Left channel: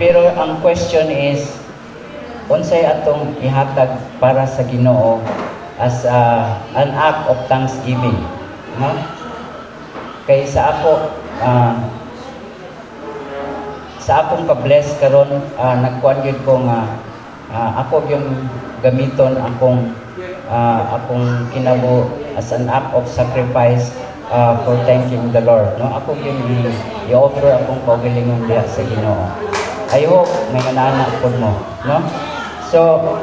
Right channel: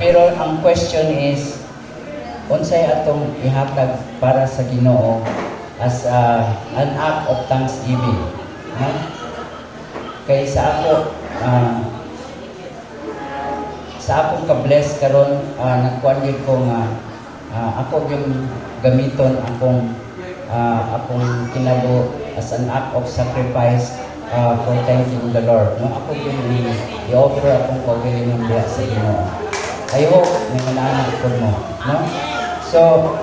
Pero ang question is, unsay atong ihatag para sa Ginoo as an act of thanksgiving, no? Kay sa ako, sa akong ka-bless karon, nagkuan gyud ko nga ako yung gamiton akong kinabo as an act of sacrifice for thanking the Lord, no? Ako yung i-offer akong kaugalingon diha sa Ginoo. I hope may manaanak po mo, no? So,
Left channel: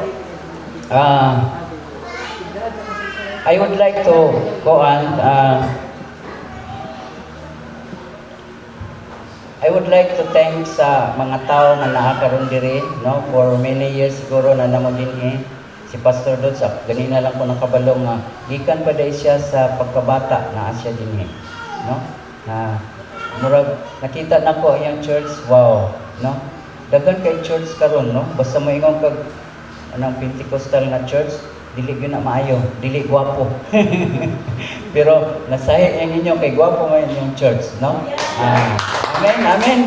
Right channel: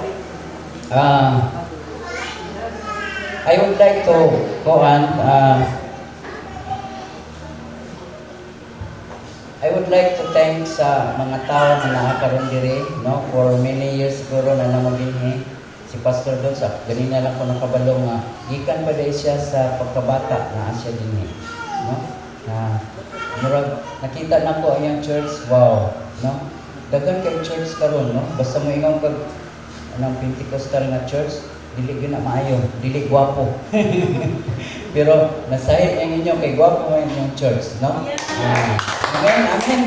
I would like to go on. I would like to thank sa mga tao na nakakaroon diri, no? For many years siguro na namo dinhi si Pastor Dots. Ganina lang ko nakabalong nga gikan pa dai siya sa pagkabata na asya dinhi, no? Murag nakita nako ang church, wow, no? Daghan kay church karon, no? Basta mo ingon kag anang Pentecostal na church, dili gyud na maayo, dili gwapo. Pero nasahi ang inyo kay gwapo man yung church, no? Amen, amen.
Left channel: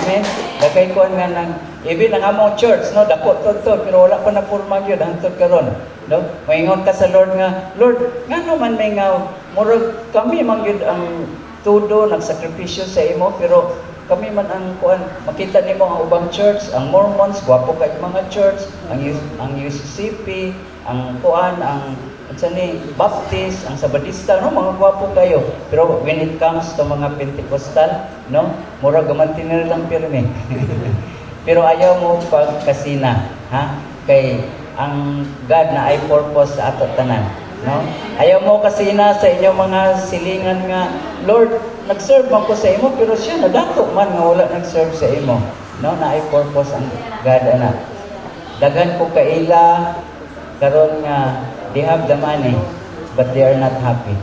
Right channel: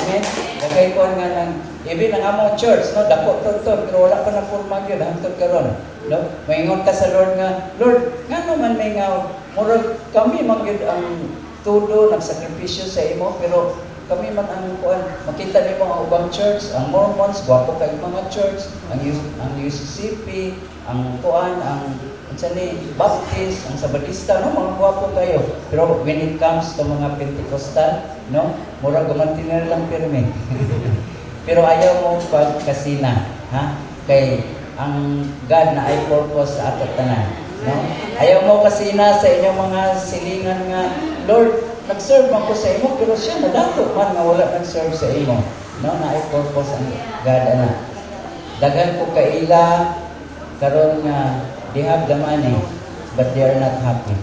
Amen. Dagay ko nga nang even ang among church, no, dako tudtod pero wala pa na porma gyud hangtod karon, no? Moingon ka sa Lord nga, Lord, ngano man may nga murag kami man gyud ang tudo nagsakripisyo sa imo, pero kami man ang kuan makita nimo ang ubang church, ang Mormons gwapo kay mga church, ang UCCP, ang kuan, ang Baptist, ang Sabadista, no, mga gwapo kayo. Pero when it comes to mga Pentecostal, no, mura gamanti na lang pirme. Pero ayaw mo pagkasina, ha? Kay ang God na ay purpose sa ato tanan, no? Ayaw mo kasina sa inyong mga silingan nga, Lord, nag-serve man ko sa imo, pero siya nadato man nga wala nag-serve sa imo, no? Na ay purpose ang God ana. Dagan ko kaila karon nga they have the money, but they are not happy.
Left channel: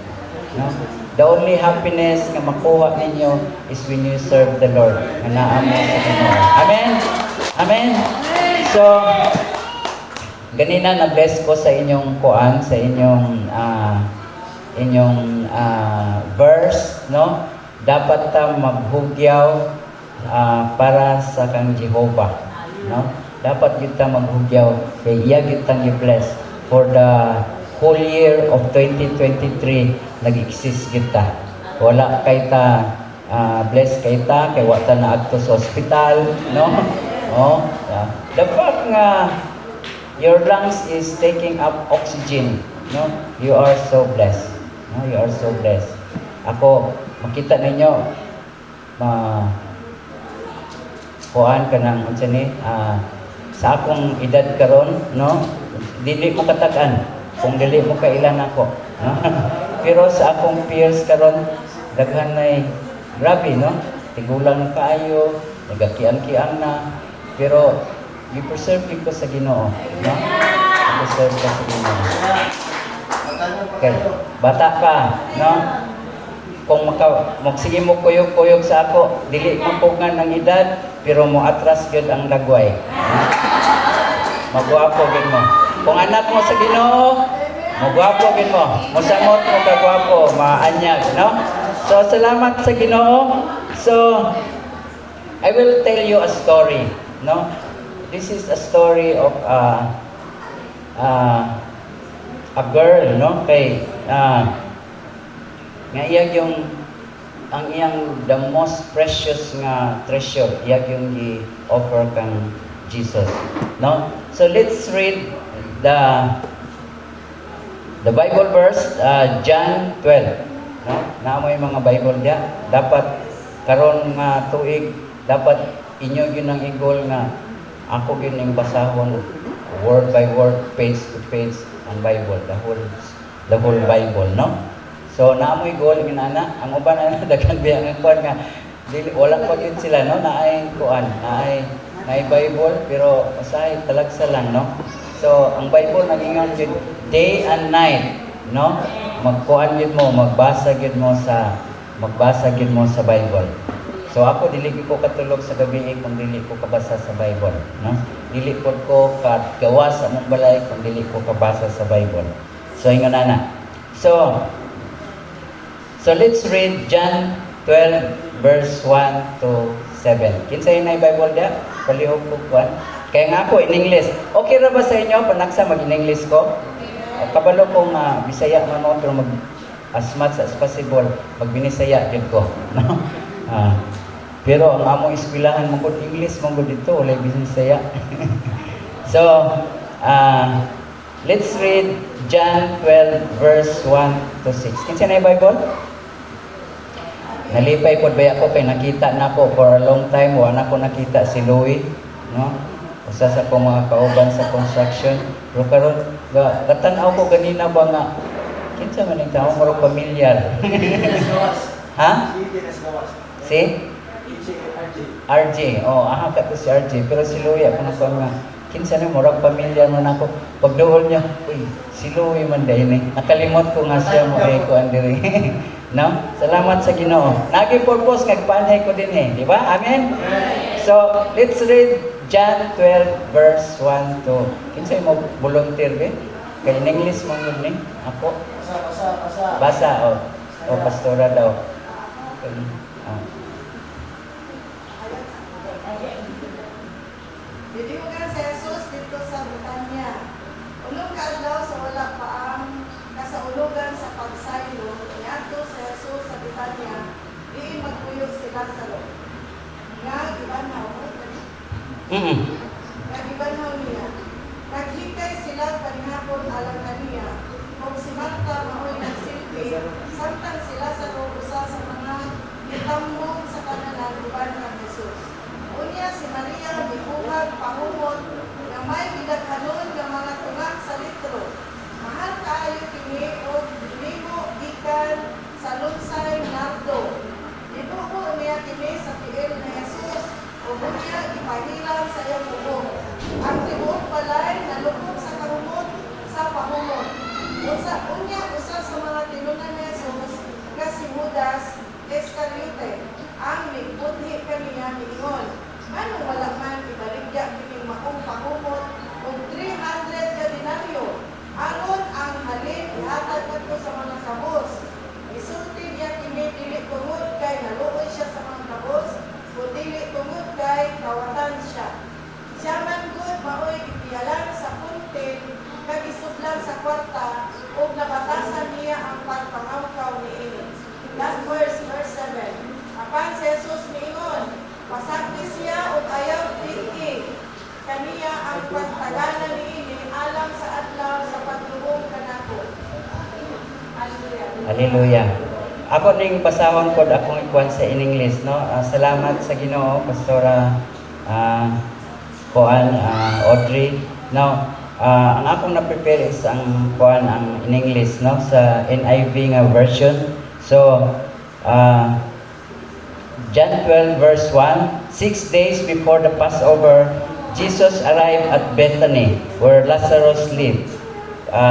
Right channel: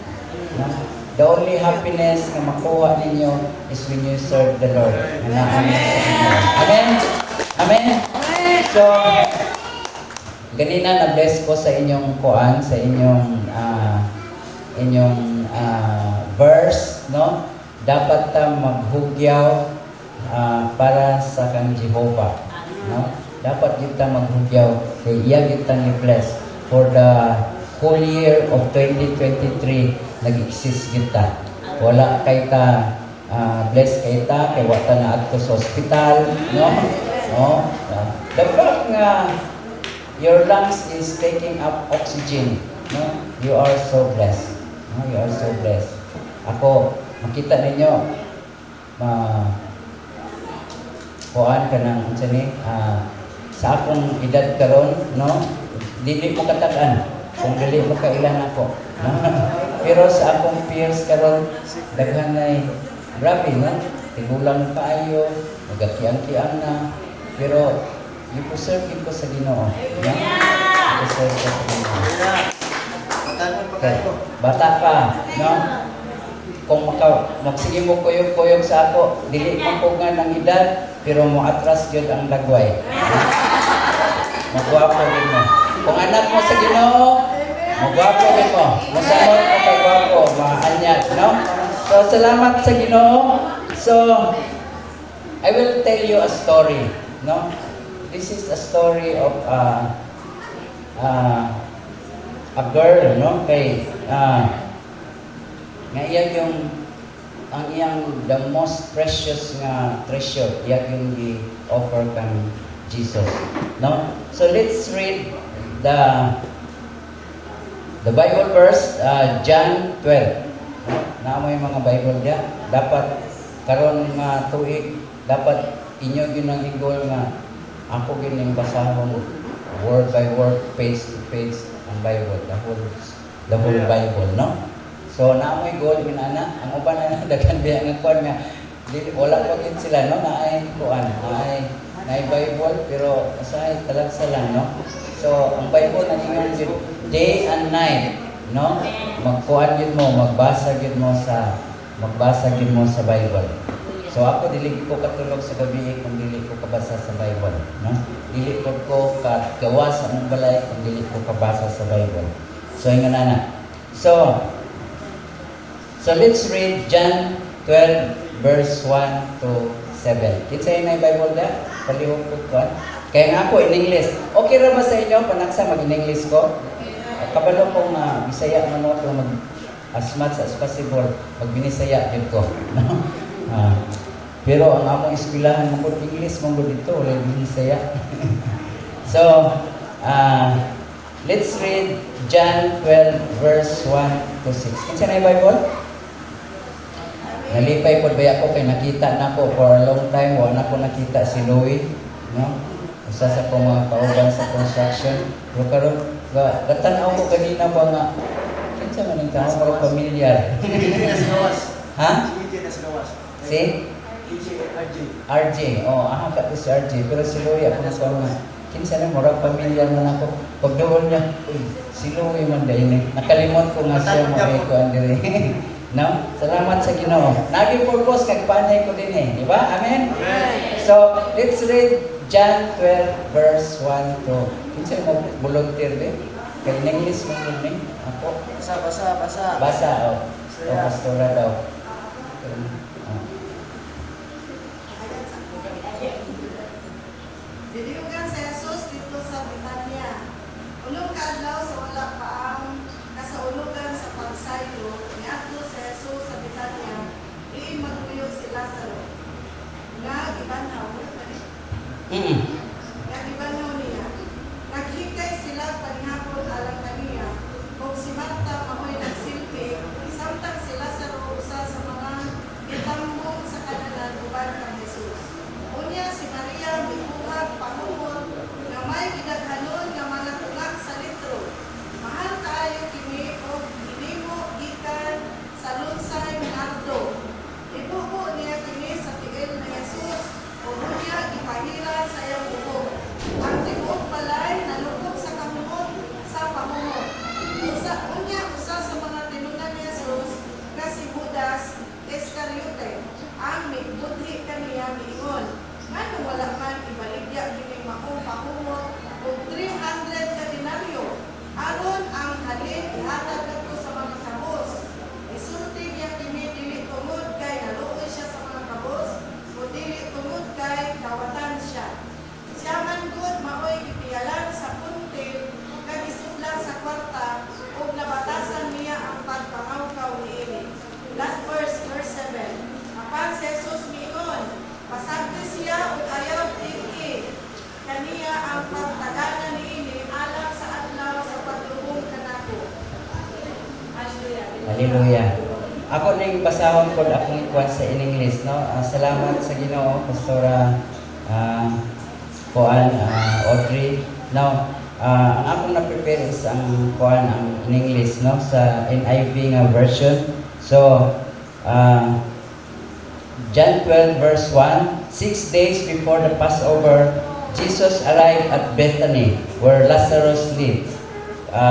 No? The only happiness na makuha ninyo is when you serve the Lord. Amen? Amen? So, ganina na-bless ko sa inyong kuan, sa inyong verse, no? Dapat ta maghugyaw para sa kang Jehovah, no? Dapat kita maghugyaw kay iya kita ni bless. For the whole year of 2023, nag-exist kita. Wala kay ta, bless kay ta, kay wata na adto sa hospital, no? No? The fact nga, your lungs is taking up oxygen, no? You are so blessed. No? You are so blessed. Ako, makita ninyo, kuhaan ka ng, sa akong edad karon, no? Dili ko katakan kung dili mo kailan ako, no? Pero sa akong peers karon daghan nay grabe, no? Tigulang kaayo, nagakian-kian na, pero i-preserve ko sa Ginoo, no? I-preserve ko sa Ginoo. Okay. Bata pa, no? Kung magsige mo kuyog-kuyog sa ako, dili ko pugan ng edad, pero mo atras gyud ang lagway. Magwapo gid mo. Kung anak mo sa Ginoo, magwapo gid mo. Mosamot mo pagwapo, maanyag, no? So salamat sa Ginoo. So I will tell you a story, no? This is a story of a girl, no? Kay nga iya yung ang iyang the most precious nga treasure, iya yung i-offer kang Jesus, no? So let's read the Bible verse, John 12. Na mo yung mga Bible dia, dapat karon nga tuig, dapat inyo gyud ang igol nga ako gyud ning basahon word by word, page to page ang Bible, the whole Bible, no? So na mo igol ginana, ang uban ana daghan biya nga kon nga dili wala pa gid sila, no? Naay kuan, naay Bible pero usahay talagsa lang, no? So ang Bible nagingon gyud day and night, no? Magkuan gyud mo, magbasa gyud mo sa Bible. So ako dili ko katulog sa gabi kung dili ko kabasa sa Bible, no? Dili ko gawa sa among balay kung dili ko kabasa sa Bible. So ingon ana. So let's read John 12 verse 1 to 7. Kinsay na Bible dia? palihog ko kwan. Kaya nga ako in English. Okay ra ba sa inyo panaksa mag-in-English ko? Kabalo kong Bisaya man mo pero mag as much as possible mag-Binisaya jud ko. No? Pero ang among eskwelahan mo English mo dito wala Binisaya. So, let's read John 12 verse 1 to 6. Kinsa na yung Bible? Nalipay po ba ako kay nakita na ko for a long time wala ko nakita si Louie, no? Usa sa ko mga kauban sa construction. Pero karon gatan-aw ko ganina ba nga kinsa man ang tao murag pamilyar. Ha? Si RJ. Oh, aha ka to si RJ. Pero si Louie ako na ko nga kinsa na murag pamilyar man ako. Pagduol niya, uy, si Louie man dai ni. Nakalimot ko nga siya mo kay ko andiri. No? Salamat sa Ginoo. Naging purpose kag panay ko din eh, di ba? Amen. So, let's read John 12 verse 1 to. Kinsa mo volunteer be? Kay in English mo ni ako. Basa. Basa oh. O pastora daw. Dili mo ka si Jesus dito sa Betania. Ulong ka adlaw sa wala pa ang kasaulugan sa pagsaylo. Niadto si Jesus sa Betania. Diin magpuyo si Lazaro. Nga gibanaw Nga gibanaw niya. Naghintay sila paghapon alang kaniya. Kung si Marta maoy nagsilpi, samtang sila sa usa sa mga itambong sa kanalan uban ng Jesus. Unya si Maria mibuhat pahumot nga may gidaghanon nga mga tungak sa litro. Mahal kaayo kini og ginimo gikan sa lunsay nardo. Ibuho niya kini sa tiil ni Jesus o unya ipahila sa iyang ubo. Ang tibuok balay nalukok sa kahumot sa pahumot. Unya usa sa mga tinunan ni Jesus nga si Judas Iscariote ang migbudhi kaniya miingon. Anong malaman ibaligya kini maong pahumot og 300 ka denaryo aron ang halin ihatag kadto sa mga kabos. Isulti niya kini dili tungod kay naluoy siya sa mga kabos o dili tungod kay kawatan siya. Siya man gud maoy gipiyalan sa puntin kag isudlan sa kwarta ug nabatasan niya ang pagpangawkaw niini. Last verse 7. Apan si Jesus miingon, pasabti siya ug ayaw dili kaniya ang pagtaganan niini alang sa adlaw sa pagtubong kanako. Hallelujah. Hallelujah. Ako ning basahon ko akong ikuan sa in English, no? Salamat sa Ginoo, Pastora Audrey. Now, ang akong na-prepare is ang in English, no? Sa NIV nga version. So, John 12 verse 1, 6 days before the Passover, Jesus arrived at Bethany, where Lazarus lived.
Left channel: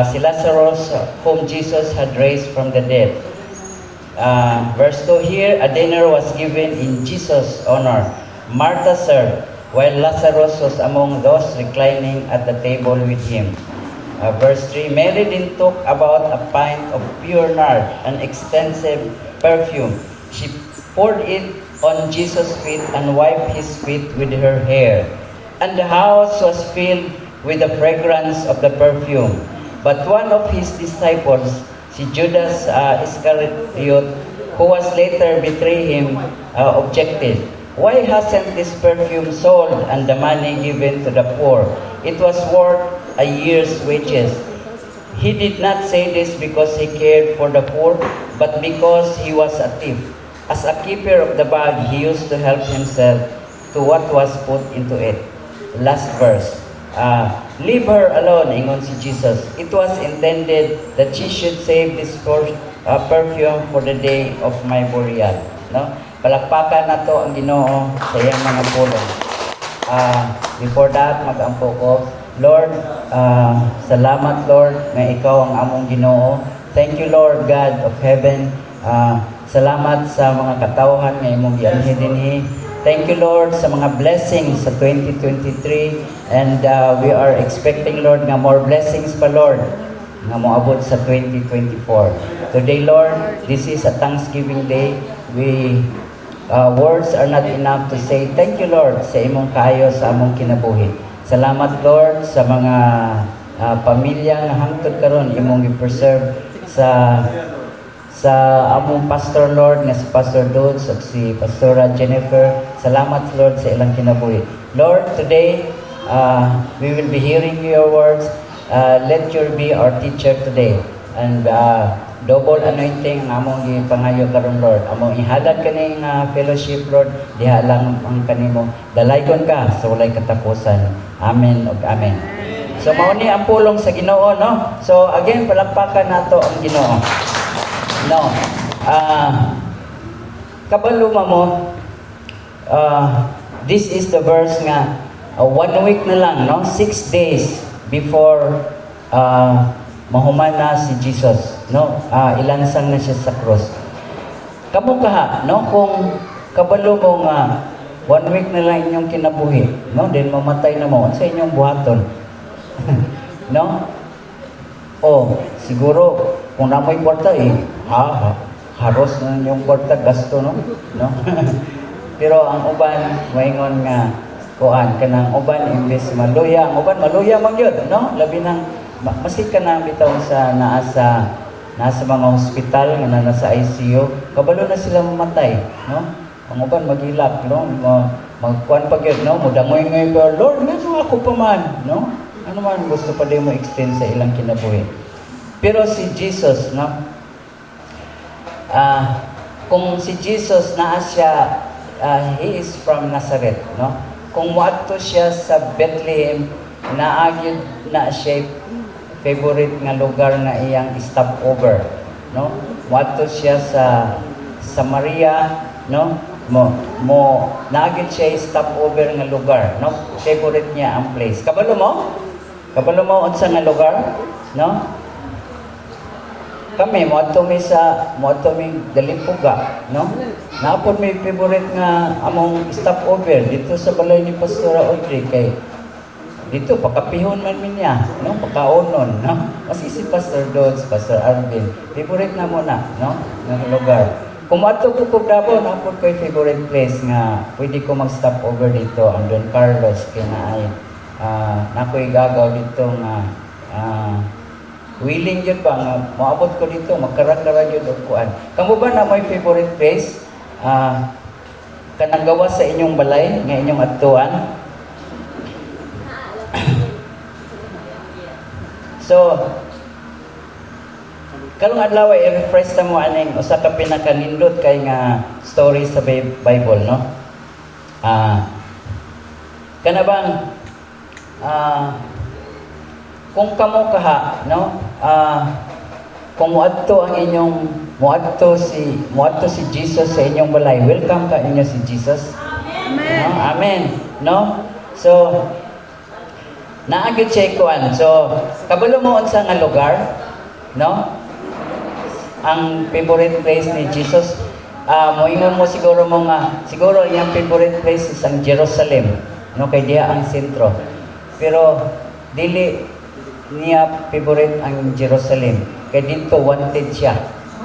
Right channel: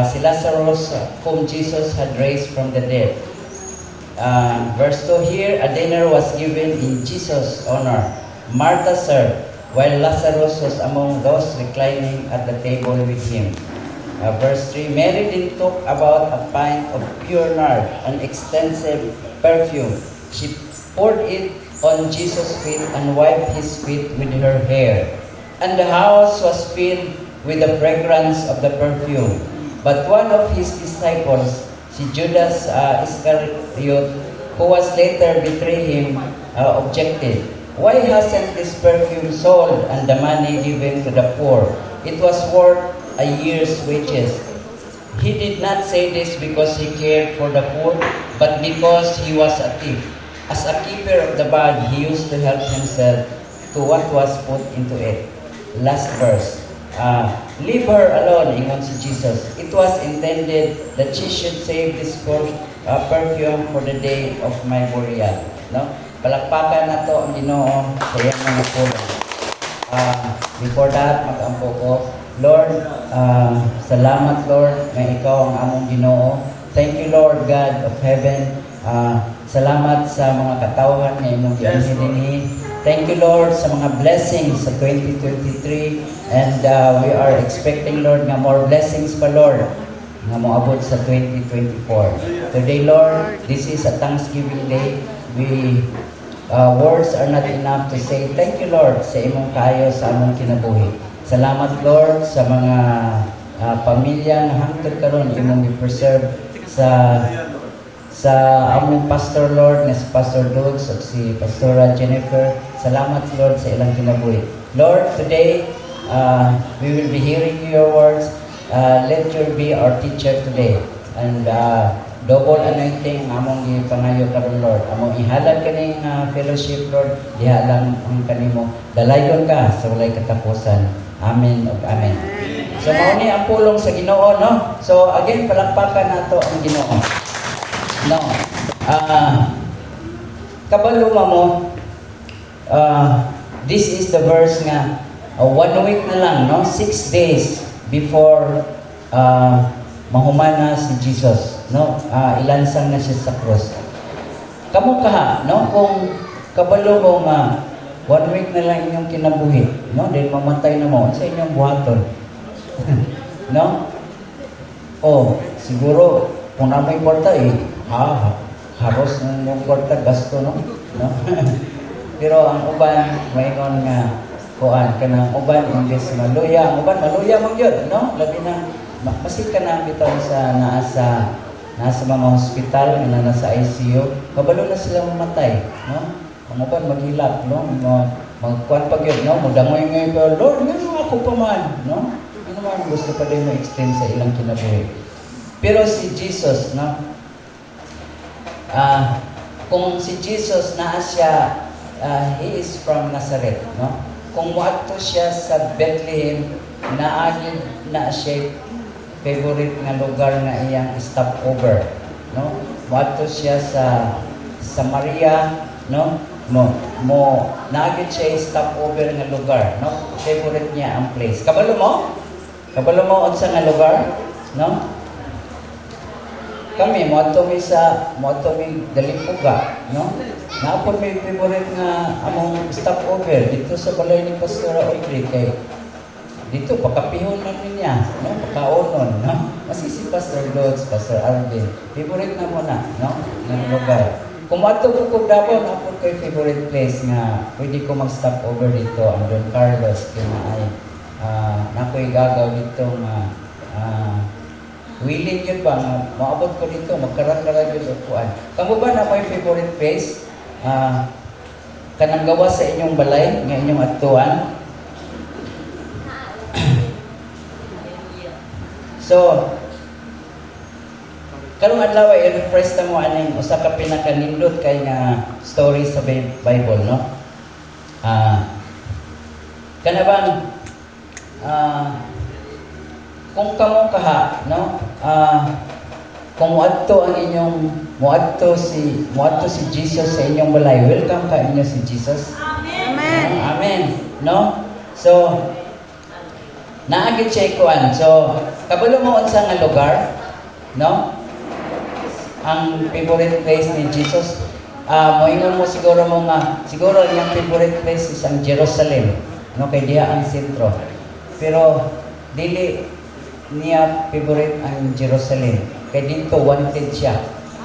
Si Lazarus, whom Jesus had raised from the dead. Verse 2 here, a dinner was given in Jesus' honor. Martha served, while Lazarus was among those reclining at the table with him. Verse 3, Mary then took about a pint of pure nard, an extensive perfume. She poured it on Jesus' feet and wiped his feet with her hair. And the house was filled with the fragrance of the perfume. But one of his disciples, si Judas Iscariot, who was later betray him, objected, "Why hasn't this perfume sold and the money given to the poor? It was worth a year's wages." He did not say this because he cared for the poor, but because he was a thief. As a keeper of the bag, he used to help himself to what was put into it. Last verse. Leave her alone, ingon si Jesus. It was intended that she should save this perfume for the day of my burial. No? Palakpakan na to ang Ginoo sa iyang mga pulong. Before that, mag-ampo ko. Lord, salamat Lord na ikaw ang among Ginoo. Thank you Lord God of heaven. Salamat sa mga katawhan na imong gianhi dinhi. Thank you Lord sa mga blessings sa 2023 and we are expecting Lord nga more blessings pa Lord nga moabot sa 2024. Today Lord, this is a Thanksgiving day. We words are not enough to say thank you, Lord, sa imong kayo sa among kinabuhi. Salamat, Lord, sa mga pamilya nga hangtod karon imong i-preserve sa among pastor, Lord, na si Pastor Dulce at si Pastora Jennifer. Salamat, Lord, sa ilang kinabuhi. Lord, today we will be hearing your words. Let your be our teacher today. And double anointing among ipangayo karon, Lord. Among ihalad kaning fellowship, Lord. Diha lang ang kanimo. Dalaygon ka sa walay katapusan. Amen ug amen. So mao ni ang pulong sa Ginoo, no? So again, palakpakan nato ang Ginoo. No. Kabalo mo, this is the verse nga 1 week na lang, no? 6 days before mahumana si Jesus, no? Ilansang na siya sa cross. Kamo kaha, no? Kung kabalo mo nga 1 week na lang inyong kinabuhi, no? Dahil mamatay na mo sa inyong buhaton. No? Oh, siguro kung na may kwarta haros na yung kwarta, gasto, no? No? Pero ang uban, maingon nga, kuan kanang uban imbes maluya, ang uban maluya man gyud, no? Labi nang masik ka na bitaw sa nasa mga hospital nga nasa ICU, kabalo na sila mamatay, no? Ang uban maghilak, no? Magkuan pa gyud, no? Mudangoy-ngoy pa, Lord, ngano ako pa man, no? Ano man gusto pa din mo extend sa ilang kinabuhi. Pero si Jesus, no? Kung si Jesus naa siya, he is from Nazareth, no? Kung moadto siya sa Bethlehem, naagid na siya favorite nga lugar nga iyang stopover, no? Moadto siya sa Samaria, no? Naagid siya stopover nga lugar, no? Favorite niya ang place. Kabalo mo unsa nga lugar, no? Kami moadto mi Dalipuga, no? Naapod may favorite nga among stopover dito sa balay ni Pastora Audrey kay dito pakapihon man niya, no? Pakaonon, no? Kasi si Pastor Dodds, Pastor Arvin, favorite na mo na, no? Nga lugar. Kung moadto ko kog Davao, naapod ko favorite place nga pwede ko mag-stop over dito ang Don Carlos kay na ay nakoy gagaw dito nga willing yun ba nga maabot ko dito, magkarakara yun upuan. Kamu ba na may favorite place? Kanang gawa sa inyong balay, nga inyong atuan? So, karong adlaw i-refresh ta mo aning usa ka pinakanindot kay nga story sa Bible, no? Kana bang kung kamo kaha, no? Kung moadto si Jesus sa inyong balay, welcome ka ninyo si Jesus. Amen. No? Amen. No? So naagid siya kuan. So kabalo mo unsa nga lugar, no? Ang favorite place ni Jesus. Moingon mo siguro yung favorite place is ang Jerusalem, no? Kay diha ang sentro. Pero dili niya favorite ang Jerusalem. Kaya dito wanted siya,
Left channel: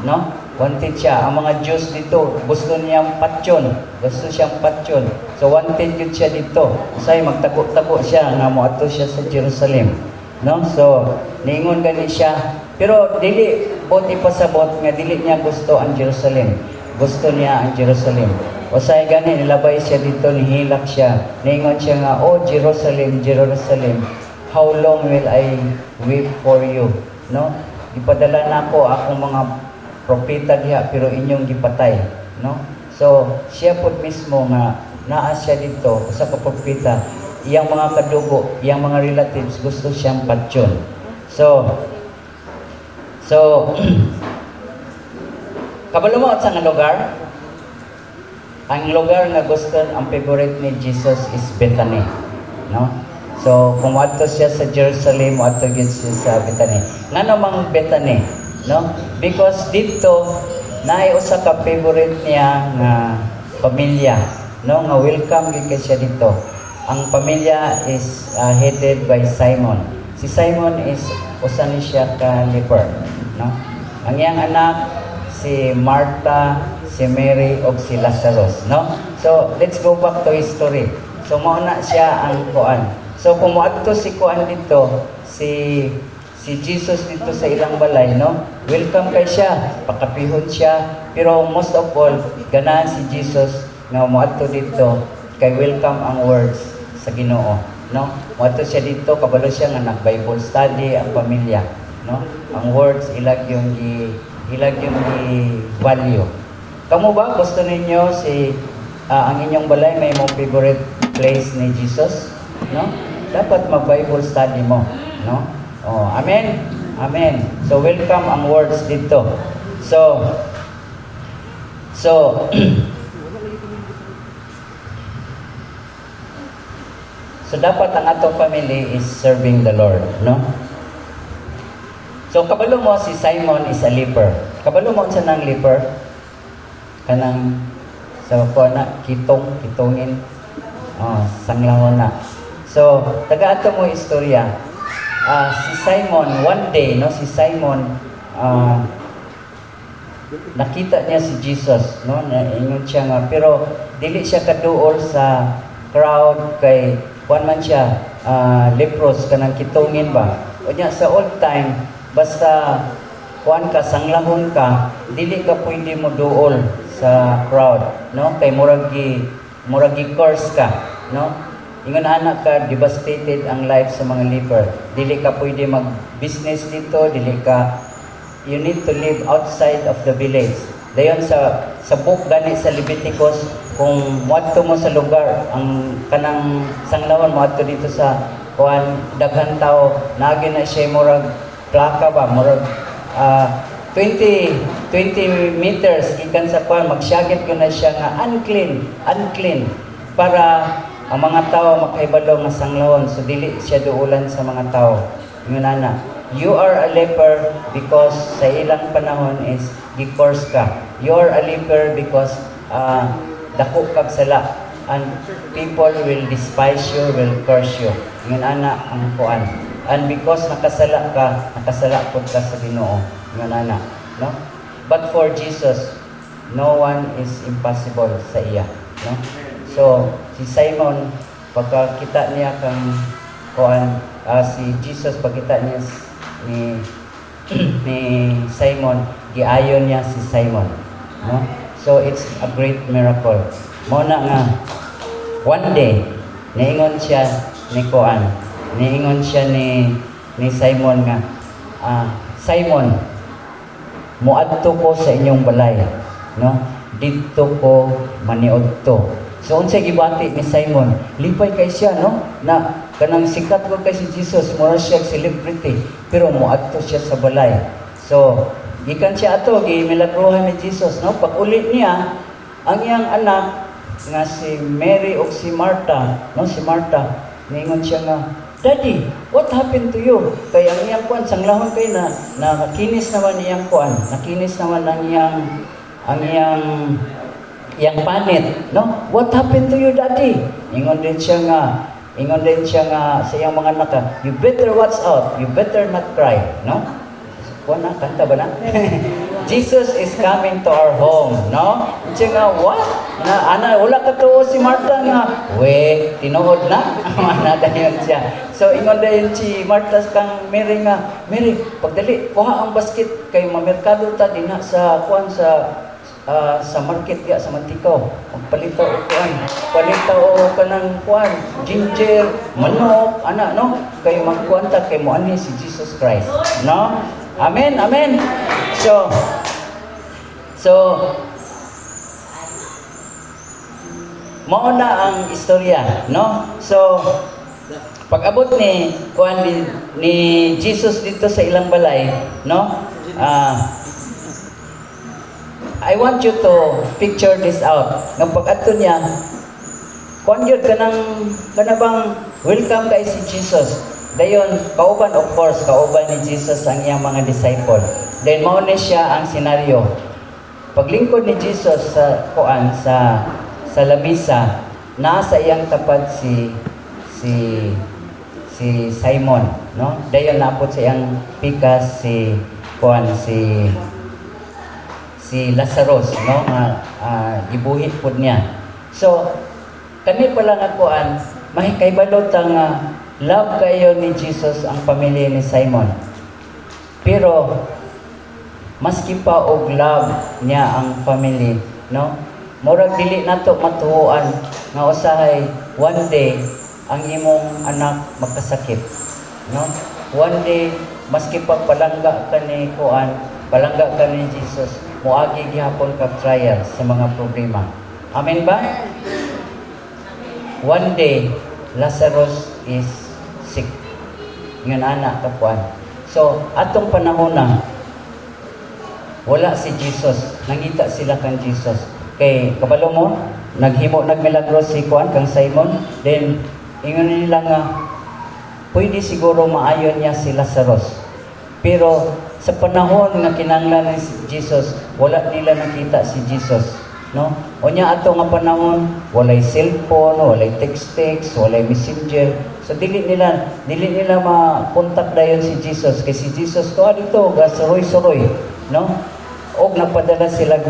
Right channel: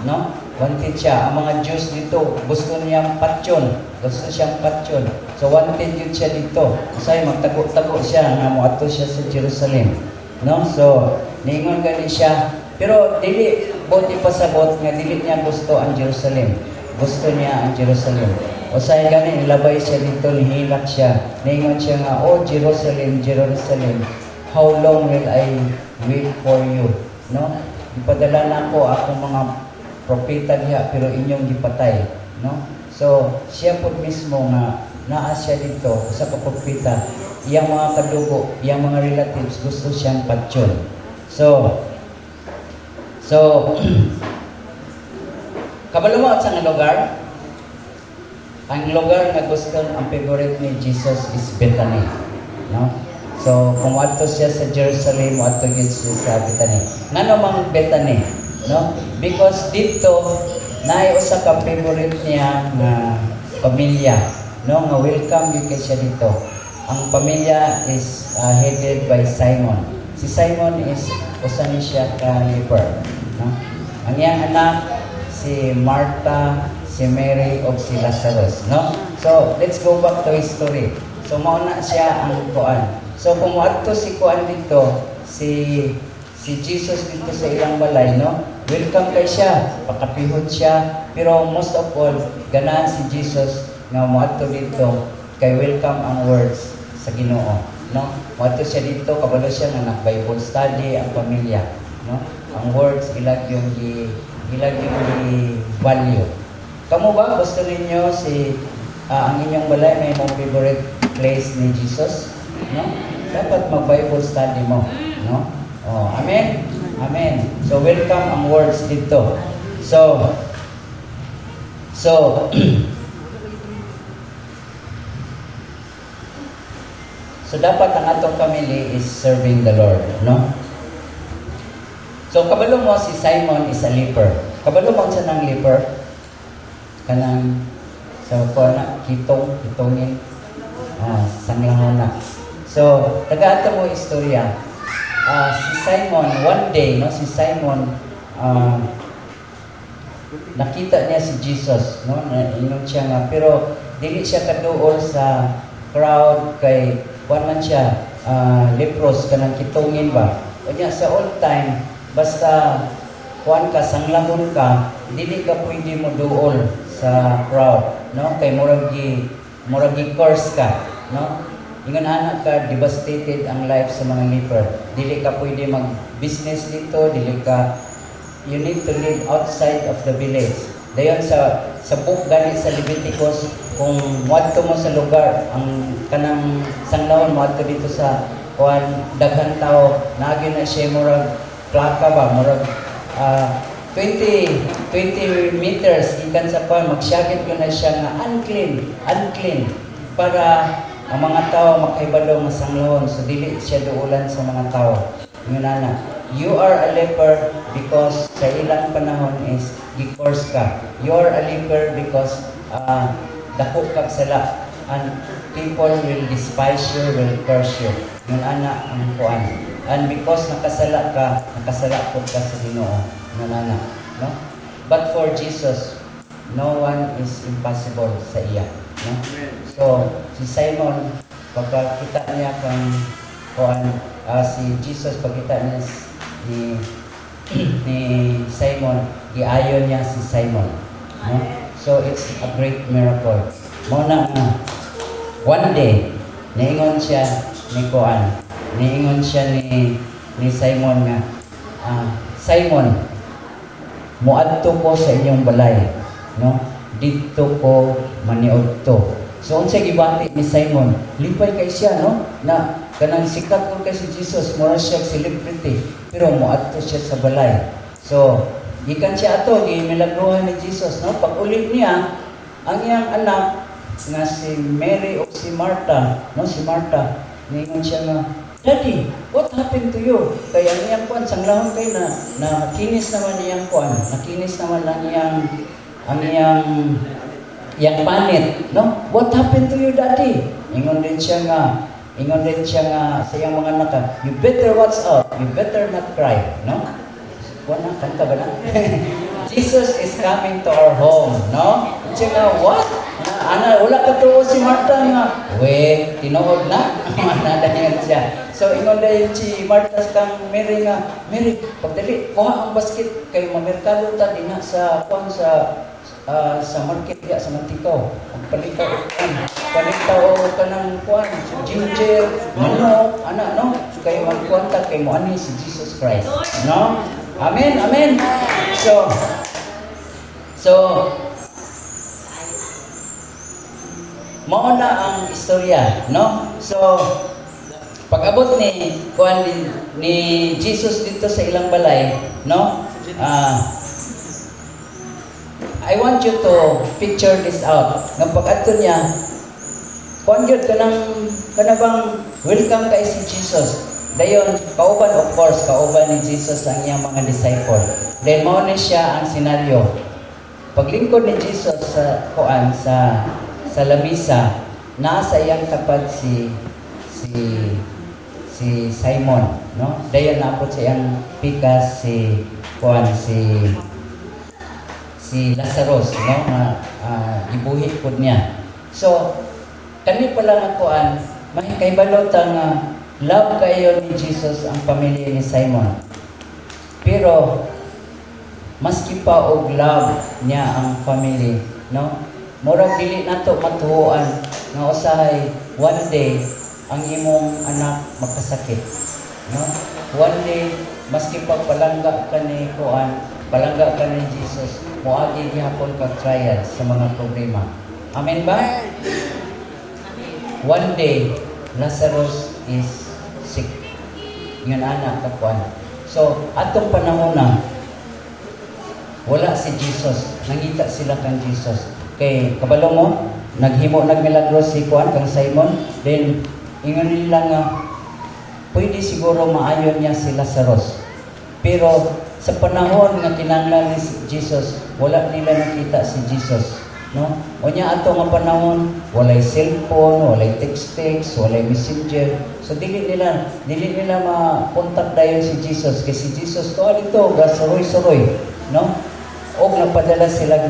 no? Wanted siya. Ang mga Jews dito gusto niyang patyon. Gusto siyang patyon. So wanted yun siya dito. Kasi magtago-tago siya nga moadto siya sa Jerusalem, no? So niingon gani siya. Pero dili boti pasabot nga dili niya gusto ang Jerusalem. Gusto niya ang Jerusalem. O say gani nilabay siya dito, nihilak siya. Niingon siya nga, "Oh Jerusalem, Jerusalem, how long will I weep for you?" No? Gipadala na ako akong mga propeta diha pero inyong gipatay, no? So, siya po mismo nga naa siya dito sa propeta, iyang mga kadugo, iyang mga relatives gusto siyang patyon. So kabalo mo at sa nga lugar? Ang lugar nga gusto ang favorite ni Jesus is Bethany, no? So, kung ato siya sa Jerusalem, ato gyud siya sa Bethany. Ngano mang Bethany, no? Because dito naay usa ka favorite niya nga pamilya, no? Nga welcome gyud kay siya dito. Ang pamilya is headed by Simon. Si Simon is usa ni siya ka leper, no? Ang iyang anak si Martha, si Mary ug si Lazarus, no? So let's go back to history. So mao na siya ang kuan. So kung moadto si kuan dito, si Jesus dito sa ilang balay, no? Welcome kay siya, pakapihon siya, pero most of all, ganahan si Jesus nga moadto dito kay welcome ang words sa Ginoo, no? Moadto siya dito, kabalo siya nga nag-Bible study ang pamilya, no? Ang words ilag yung value. Kamu ba gusto ninyo si ang inyong balay may mong favorite place ni Jesus, no? Dapat mag-Bible study mo, no? Oh, amen. Amen. So welcome ang words dito. So so dapat ang atong family is serving the Lord, no? So kabalo mo si Simon is a leper. Kabalo mo sa nang leper kanang sa kuana kitongin sanglangon na. So taga ato mo istorya. Si Simon one day, no, si Simon nakita niya si Jesus, no, ingon siya nga pero dili siya kaduol sa crowd kay kuan man siya leprous kanang kitongin ba. Unya sa old time basta kuan ka sanglahon ka dili ka pwede mo duol sa crowd, no, kay muragi curse ka, no. Ingon anak ka, devastated ang life sa mga leper. Dili ka pwede mag-business dito, you need to live outside of the village. Dayon sa book gani sa Leviticus, kung moadto mo sa lugar, ang kanang sanglawon moadto dito sa kuan daghan tao, naagi na siya murag plaka ba, murag 20 meters ikan sa kuan, magsyagit ko na siya nga unclean para ang mga tao makaibalo nga sanglawon, so dili siya duulan sa mga tao. Yun na, you are a leper because sa ilang panahon is gi-curse ka. You are a leper because dako kag sala and people will despise you, will curse you. Yun ana ang kuan. And because nakasala pud ka sa Ginoo. Yun ana, no? But for Jesus, no one is impossible sa iya, no? So, si Simon, pagkakita niya kang si Jesus, pagkita niya ni Simon, giayon niya si Simon, no? So, it's a great miracle. Muna nga, one day, niingon siya ni Simon nga, Simon, muadto ko sa inyong balay, no? Dito ko maniudto. So unsay gibati ni Simon, lipay kay siya, no, na kanang sikat ko kay si Jesus, mura siya celebrity, pero moadto siya sa balay. So gikan siya ato gimilagrohan ni Jesus, no, pag-ulit niya ang iyang anak nga si Mary o si Martha, no, si Martha ningon siya nga, Daddy, what happened to you? Kaya ang iyang kuan sanglahon kay na nakinis naman iyang kuan, nakinis naman ang iyang panit, no? What happened to you, Daddy? Ingon din siya nga sa iyang mga anak, you better watch out, you better not cry, no? Kuha na, kanta ba na? Jesus is coming to our home, no? Siya nga, what? Wala ka to si Martha nga, tinuod na. Mana dahil siya. So, ingon dahil si Martha kang Mary nga, Mary, pagdali, kuha ang basket, kayo mamerkado ta, din sa kuhan sa market ya sa Matikaw. Ang palitaw o kanang kuan ginger, manok, ana, no? Kayo magkuanta kay mo ani si Jesus Christ, no? Amen. So mao na ang istorya, no? So pag-abot ni kuan ni Jesus dito sa ilang balay, no? I want you to picture this out. Nga pag-ato niya, kung yun kanabang welcome kay si Jesus. Dayon, kauban of course, kauban ni Jesus ang iyang mga disciple. Then mao ni siya ang senaryo. Paglingkod ni Jesus sa lamisa, nasa iyang tapat si Simon, no? Dayon naapot sa iyang pikas si si Lazarus, no, nga gibuhi pud niya. So kani pala nga kuan, mahikaybalot nga love kayo ni Jesus ang pamilya ni Simon. Pero maski pa og love niya ang family, no? Murag dili nato matuhuan nga usahay one day ang imong anak magkasakit, no? One day maski pa palangga ka ni kuan, palangga ka ni Jesus, moagi gihapon ka trial sa mga problema. Amen ba? One day Lazarus is sick. Yun anak kapuan. So atong panahon na wala si Jesus, nangita sila kang Jesus. Kay kabalo mo, nagmilagro si kuan kang Simon, then ingon nila nga pwede siguro maayon niya si Lazarus. Pero sa panahon nga kinahanglan ni Jesus, wala nila nakita si Jesus, no? Unya ato nga panahon, walay cellphone, walay text, walay messenger. So dili nila ma-contact dayon si Jesus, kay si Jesus to dito ga saroy-saroy, no? Og napadala sila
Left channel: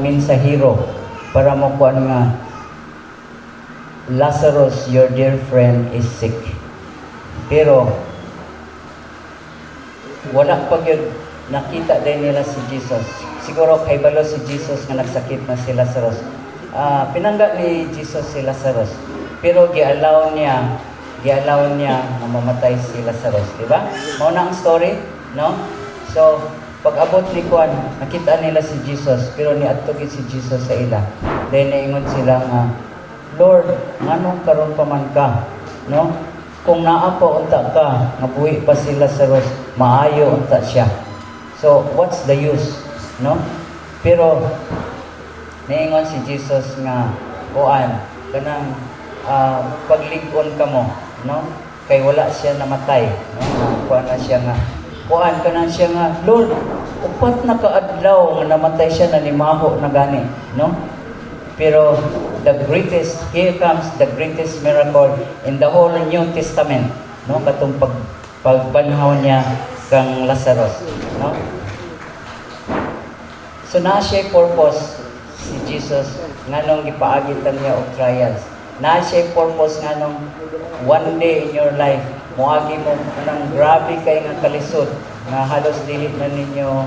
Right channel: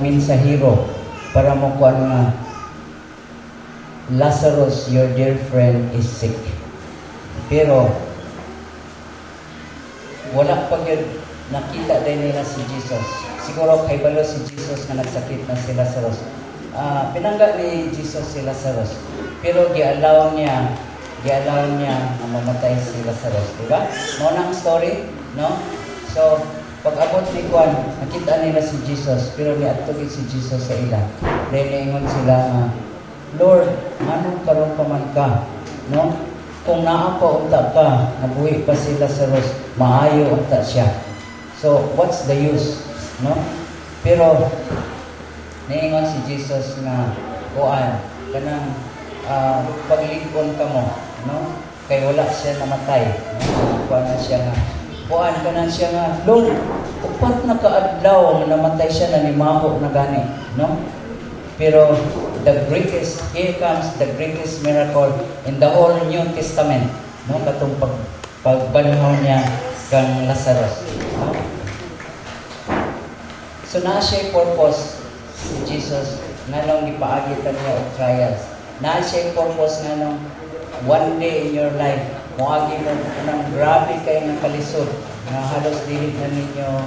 mensahero para mo kuan nga Lazarus, your dear friend is sick. Pero wala pa gyud nakita din nila si Jesus. Siguro kay balo si Jesus nga nagsakit na si Lazarus. Pinangga ni Jesus si Lazarus. Pero gi-allow niya na mamatay si Lazarus, di ba? Mao na ang story, no? So pag-abot ni kuan, nakita nila si Jesus, pero niadto gid si Jesus sa ila. Then naingon sila nga, Lord, manong karon pa man ka, no? Kung naa pa unta ka, mabuhi pa si Lazarus, maayo unta siya. So what's the use, no? Pero naingon si Jesus nga, kuan, kanang paglig-on ka mo, no? Kay wala siya namatay, no? Kuan na siya nga, kuan ka na siya nga, Lord, upat na kaadlaw nga namatay siya na nimaho na gani, no? Pero here comes the greatest miracle in the whole New Testament, no? Katong pagbanhaw niya kang Lazarus, no? So na siya purpose si Jesus nganong gipaagitan niya og trials. Na siya purpose nganong one day in your life moagi mo nang grabe kay nga kalisod nga halos dili ninyo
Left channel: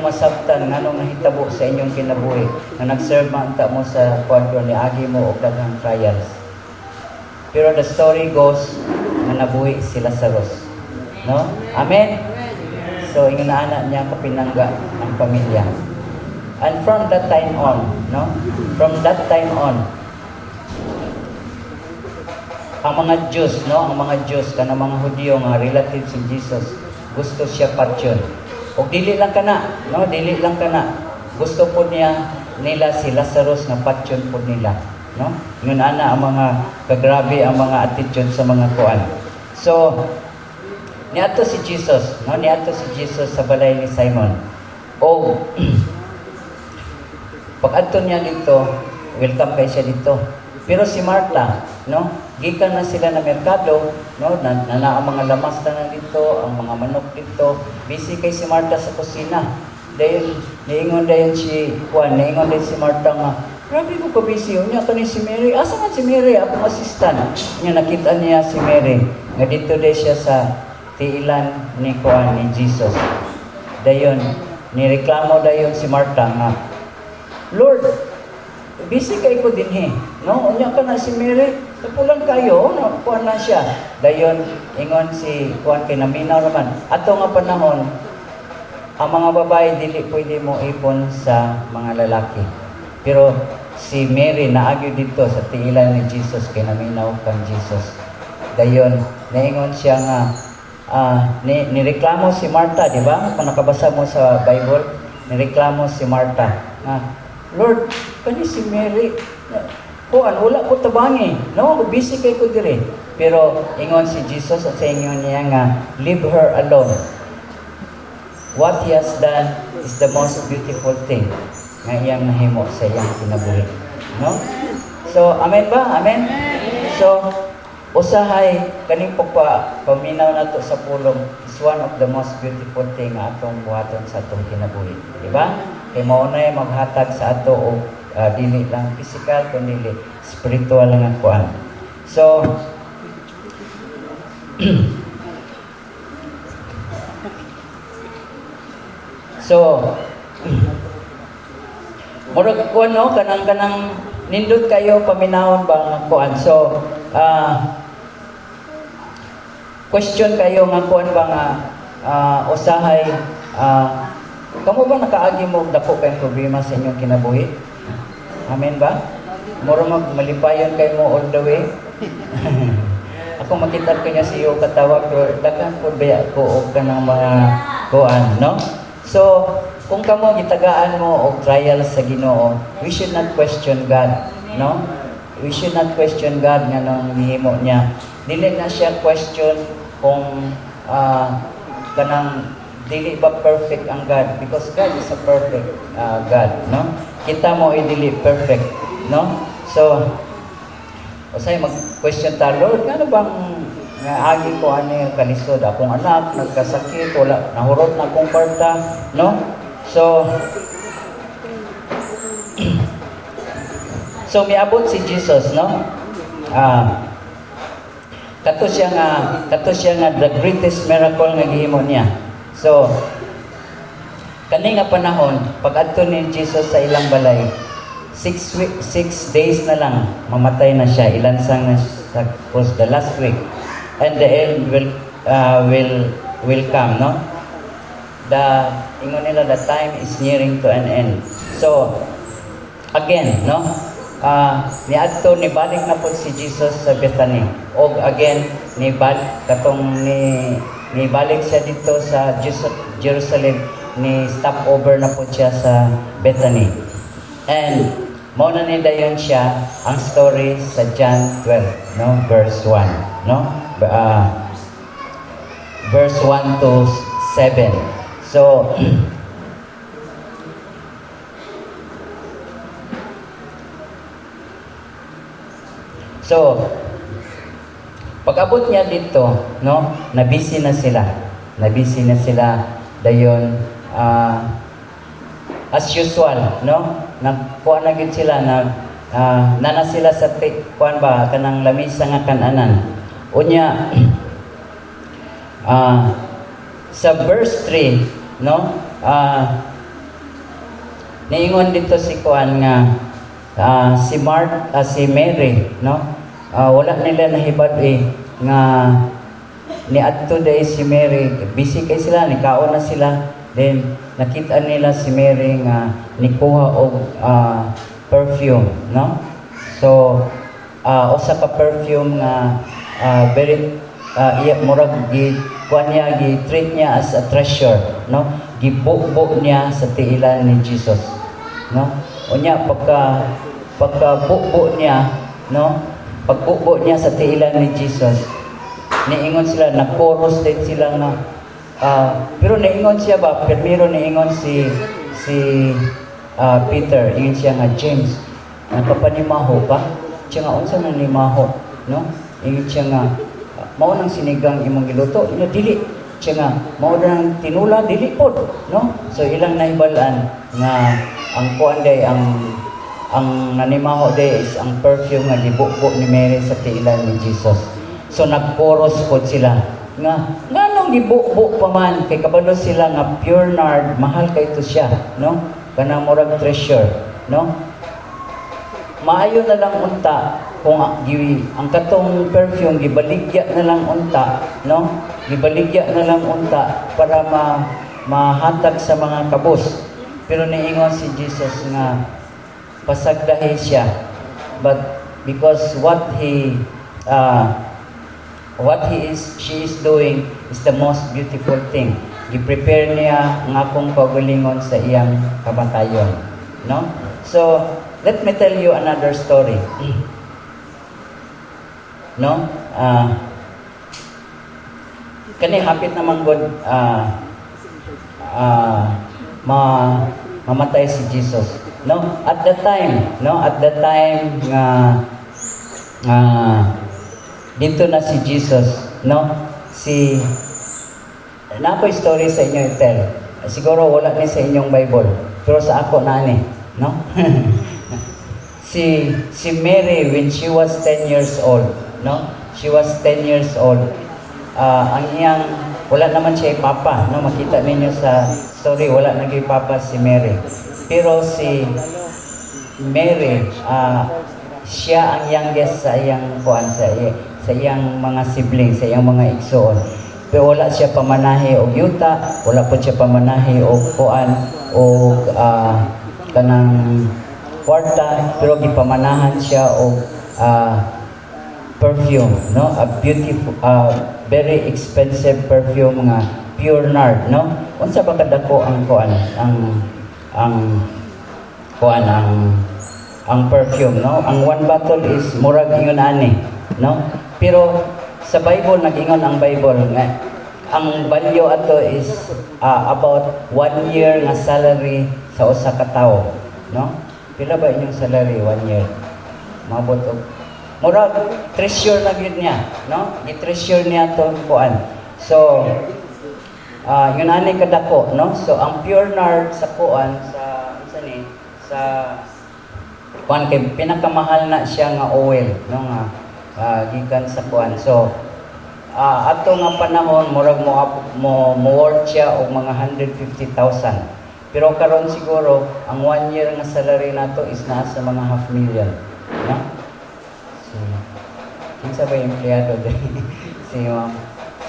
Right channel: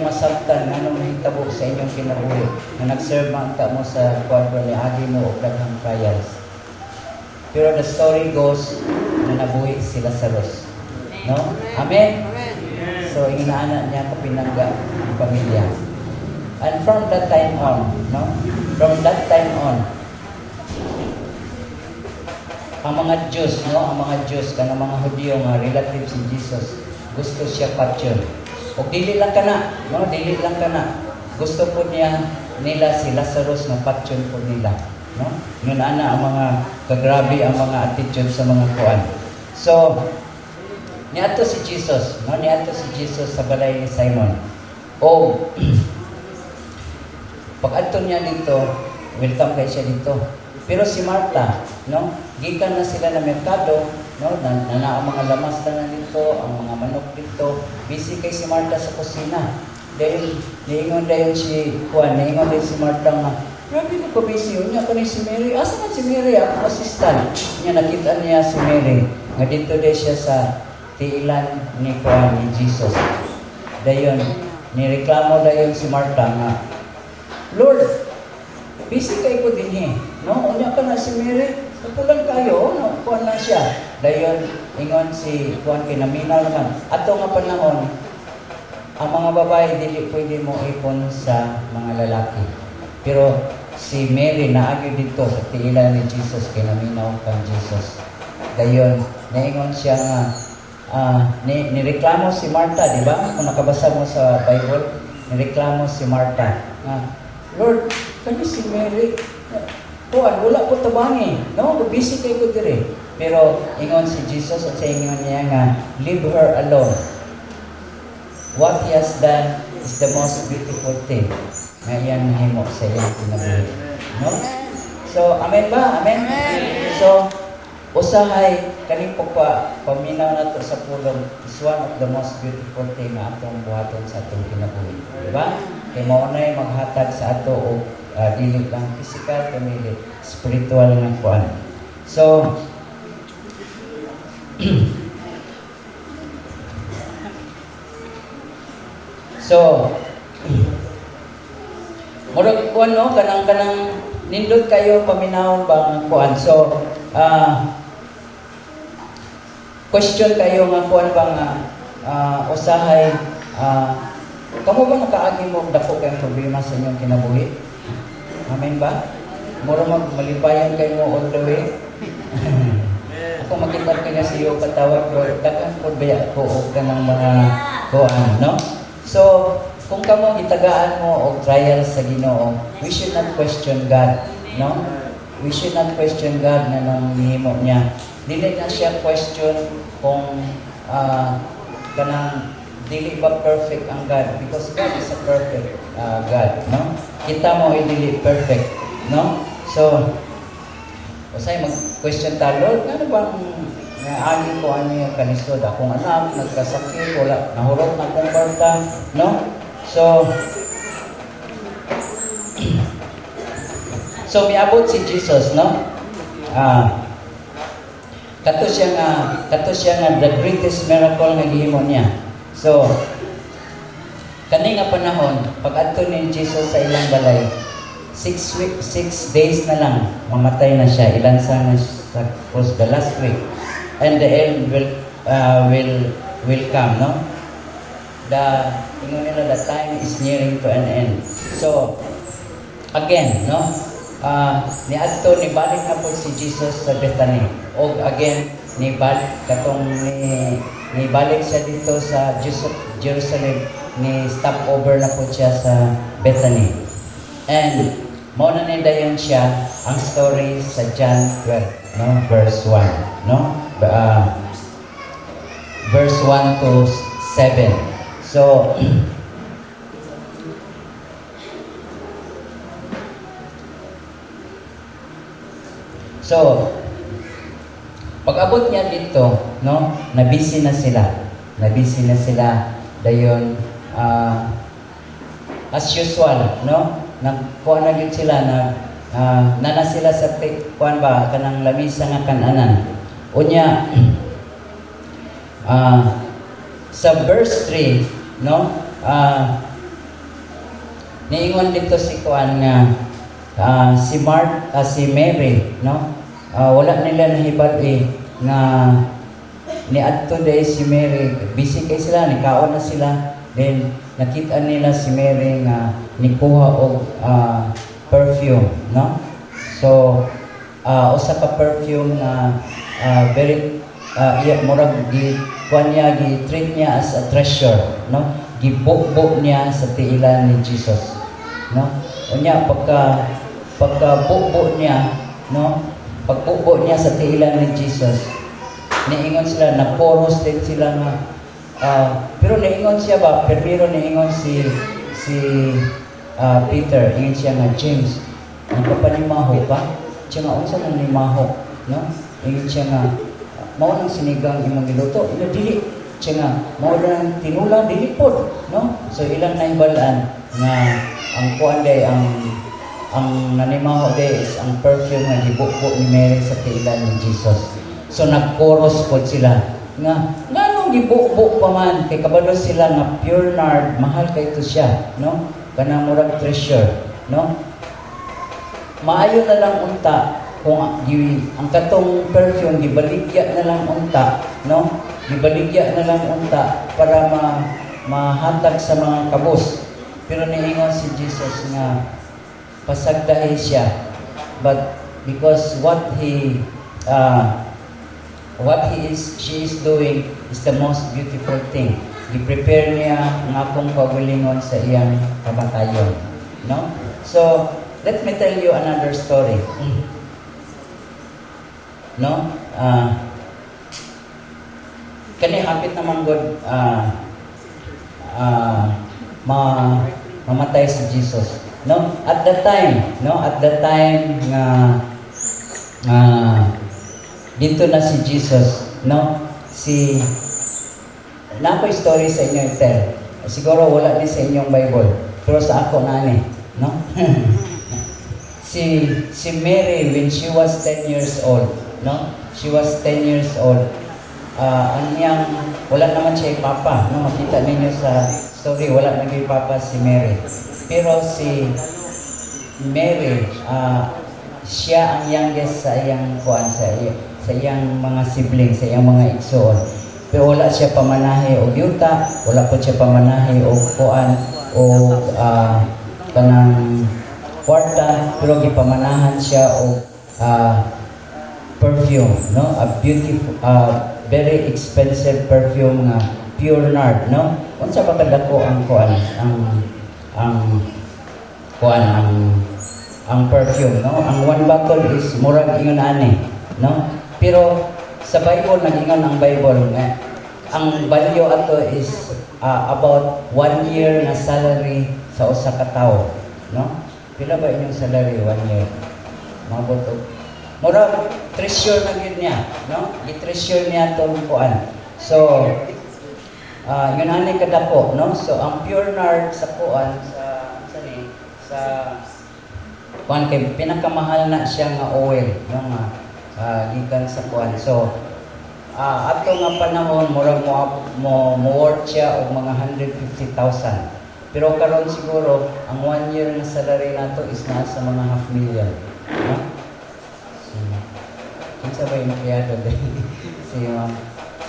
masabtan nganong nahitabo sa inyong kinabuhi nga nagserve man ta mo sa kwadro ni agi mo og daghang trials. Pero the story goes na nabuhi si Lazarus, no? Amen. So inginaana niya kapinangga ang pamilya. And from that time on, no? From that time on, ang mga Jews, no? Ang mga Jews, kanang mga Hudyo, mga relatives ni Jesus, gusto siya patyon. O dili lang kana, no? Dili lang kana. Gusto po nila si Lazarus na patyon po nila, no? Yun ana ang mga kagrabe ang mga attitude sa mga kuan. So, niadto si Jesus, no? Niadto si Jesus sa balay ni Simon. O pag-adto niya dito, welcome kay siya dito. Pero si Martha, no? Gikan na sila na merkado, no? Na ang mga lamas na dito, ang mga manok dito. Busy kay si Martha sa kusina. Dahil niingon dahil si Martha nga, grabe ko busy. Unya to ni si Mary. Asa man si Mary? Ako assistant. Unya nakita niya si Mary. Nga dito dahil siya sa tiilan ni Jesus. Dayon, nireklamo dayon si Martha nga, Lord, busy kay ko din no? Unya ka na si Mary, tupulan kayo, no? Kuan na siya. Dayon, ingon si kuan kay naminaw naman. Ato nga panahon, ang mga babae dili pwede mo ipon sa mga lalaki. Pero si Mary naagyo dito sa tiilan ni Jesus kay naminaw kang Jesus. Dayon, naingon siya nga, nireklamo si Martha, di ba? Kung nakabasa mo sa Bible, nireklamo si Martha. Lord, kani si Mary, kuan wala ko tabangi, no? Busy kay ko dire. Pero ingon si Jesus at sa ingon niya nga, leave her alone. What he has done is the most beautiful thing nga iyang nahimo sa iyang kinabuhi, no? So, amen ba? Amen? So, usahay kaning paminaw nato sa pulong is one of the most beautiful thing nga atong buhaton sa atong kinabuhi, di ba? Kay mao nay maghatag sa ato og dili lang physical kundi spiritual nga kuan. So murag kuan no kanang nindot kayo paminawon ba kuan. So question kayo nga kuan ba nga usahay kamo ba nakaagi mo dako kay problema sa inyong kinabuhi? Amen ba? Murag malipayon kay mo all the way. Ako makita ko niya siyo katawag pero dakan ko ba ko og kanang mga kuan no? So kung kamo gitagaan mo og trial sa Ginoo, we should not question God, no? We should not question God nga nung nihimo niya. Dili na siya question kung kanang dili ba perfect ang God, because God is a perfect God, no? Kita mo ay dili perfect, no? So usay mag-question ta, Lord, ano bang agi ko ano yung kanisod? Akong anak, nagkasakit, wala, nahurot na akong kwarta, no? So miabot si Jesus, no? Kato siya nga the greatest miracle nga gihimo niya. So kani nga panahon pag-adto ni Jesus sa ilang balay, 6 days na lang mamatay na siya, ilansang na sa cross the last week, and the end will come, no? Ingon nila, the time is nearing to an end. So again, no, niadto ni balik na po si Jesus sa Bethany, og again ni balik siya dito sa Jerusalem, ni stop over na po siya sa Bethany, and mao na ni dayon siya ang story sa John 12, no, verse 1, no, verse 1 to 7. So pag-abot niya dito, no, nabisi na sila dayon, as usual, no, nagkuha na gid sila nana sila sa kuan ba kanang lamisa nga kan-anan unya. Sa verse 3, no, niingon dito si kuan nga si Mary, no, wala nila nahibad nga niadto day si Mary, busy kay sila, nikaon na sila, then nakita nila si Mary nga nikuha og perfume, no? So usa ka perfume nga very murag kuan niya, gi-treat niya as a treasure, no? Gibukbok niya sa tiilan ni Jesus, no? Unya pagka-bukbok niya, no? Pagbukbok niya sa tiilan ni Jesus, niingon sila, nag-chorus din sila nga, pero niingon siya ba, pero niingon si Peter, ingon siya nga, James, napapanimaho ka? Siya nga, unsa na nimaho, no? Ingon siya nga, mao nang sinigang imong giluto, ina dili. Siya nga, mao nang tinula, dili pod, no? So ilang nahibalaan nga ang kuan day, ang nanimaho day is ang perfume nga gibukbok ni Mary sa tiilan ni Jesus. So nag-chorus pod sila nga nganong gibukbok pa man, kay kabalo sila nga pure nard, mahal kay to siya, no? Kanang murag treasure, no? Maayo na lang unta kung ang katong perfume gibaligya na lang unta, no? Gibaligya na lang unta para mahatag sa mga kabus. Pero niingon si Jesus nga pasagdahi siya, but because she is doing is the most beautiful thing. Gi-prepare niya ang akong kaugalingon sa iyang kamatayon, no? So let me tell you another story. No? Kani hapit naman God mamatay si Jesus. No? At that time nga dito na si Jesus, no? Na ako story sa inyo i-tell. Siguro wala ni sa inyong Bible, pero sa ako na ni, no? si Mary, when she was 10 years old, no? She was 10 years old. Ang iyang, wala naman siya papa, no? Makita ninyo sa story, wala naging papa si Mary. Pero si Mary, siya ang youngest sa iyang kuan, sa iyang mga siblings, sa iyang mga igsoon. Pero wala siya pamanahi og yuta, wala po siya pamanahi og kuan o kanang kwarta, pero gipamanahan siya og perfume, no? A beautiful, very expensive perfume nga pure nard, no? Unsa ba kadako ang kuan, ang perfume, no? Ang one bottle is murag ingon ani, no? Pero sa Bible nagingon ang Bible nga ang value ato is about 1 year nga salary sa usa ka tawo, no? Pila ba inyong salary 1 year? Mabot og murag treasure na gyud niya, no? I-treasure niya tong kuan. So yun ani kadako, no? So ang pure nard sa kuan sa kuan kay pinakamahal na siya nga oil, no? Gikan sa kuan. So ato nga panahon murag mo worth siya og mga 150,000. Pero karon siguro ang 1 year nga salary nato is nasa mga 500,000, no? Kinsa ba yung empleyado dahil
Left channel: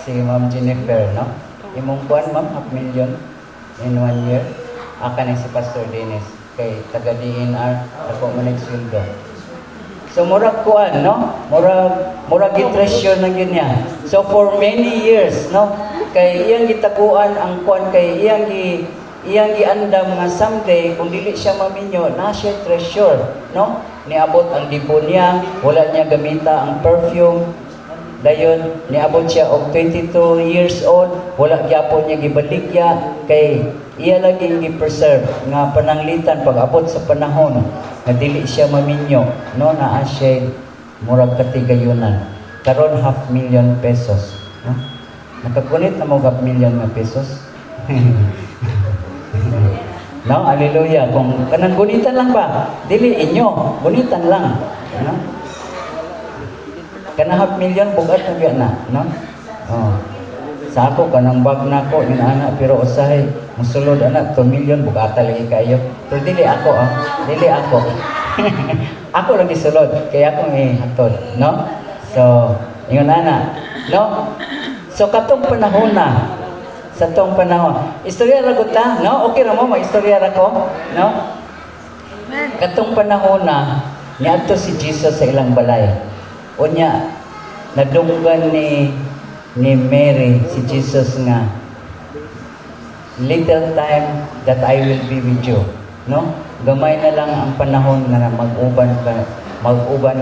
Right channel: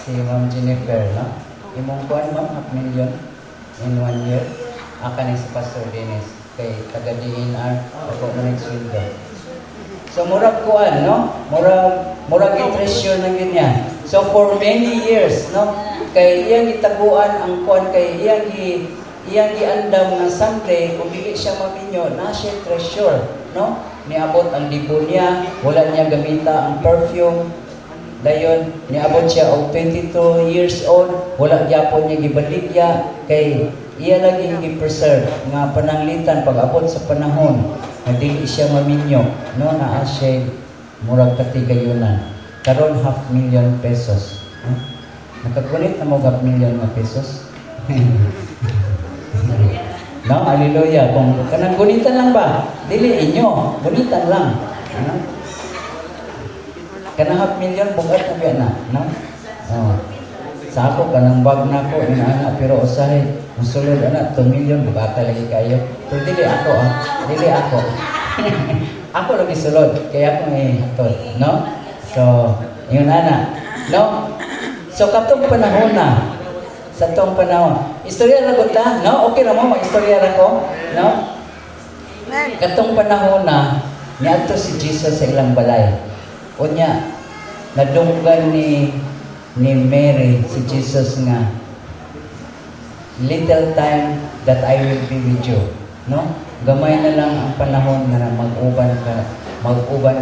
si Ma'am Jennifer, no? Imong kuan ma'am, 500,000 in 1 year. Kaning si Pastor Dennis kay taga DNR ako man sweldo. So murag kuan, no? Murag i-treasure na gyud niya. So for many years, no? Kay iyang gitaguan ang kuan, kay iyang giandam nga someday kung dili siya maminyo na siya treasure, no? Niabot ang dibo niya, wala niya gamita ang perfume. Dayon niabot siya og 22 years old, wala gyapon niya gibaligya kay iya lagi gi-preserve nga pananglitan pag-abot sa panahon nga dili siya maminyo, no? Naa siya murag katigayunan. Karon 500,000 pesos, no? Nakakulit na mo 500,000 nga pesos. No, hallelujah. Kung kanang gunitan lang ba? Dili inyo, gunitan lang. No? Kanang 500,000 bugat na biya na, no? Sa ako kanang bag na ko ina pero usahay musulod anak 2 million bugata lagi kayo. Pero dili ako, dili ako. Ako lagi sulod kaya ako hatod, no? So, yun ana, no? So katong panahon na sa tong panahon. Istorya ra gud ta, no? Okay ra mo istorya ra ko, no? Katong panahon na niadto si Jesus sa ilang balay. Unya nadunggan ni Mary si Jesus nga little time that I will be with you, no? Gamay na lang ang panahon na mag-uban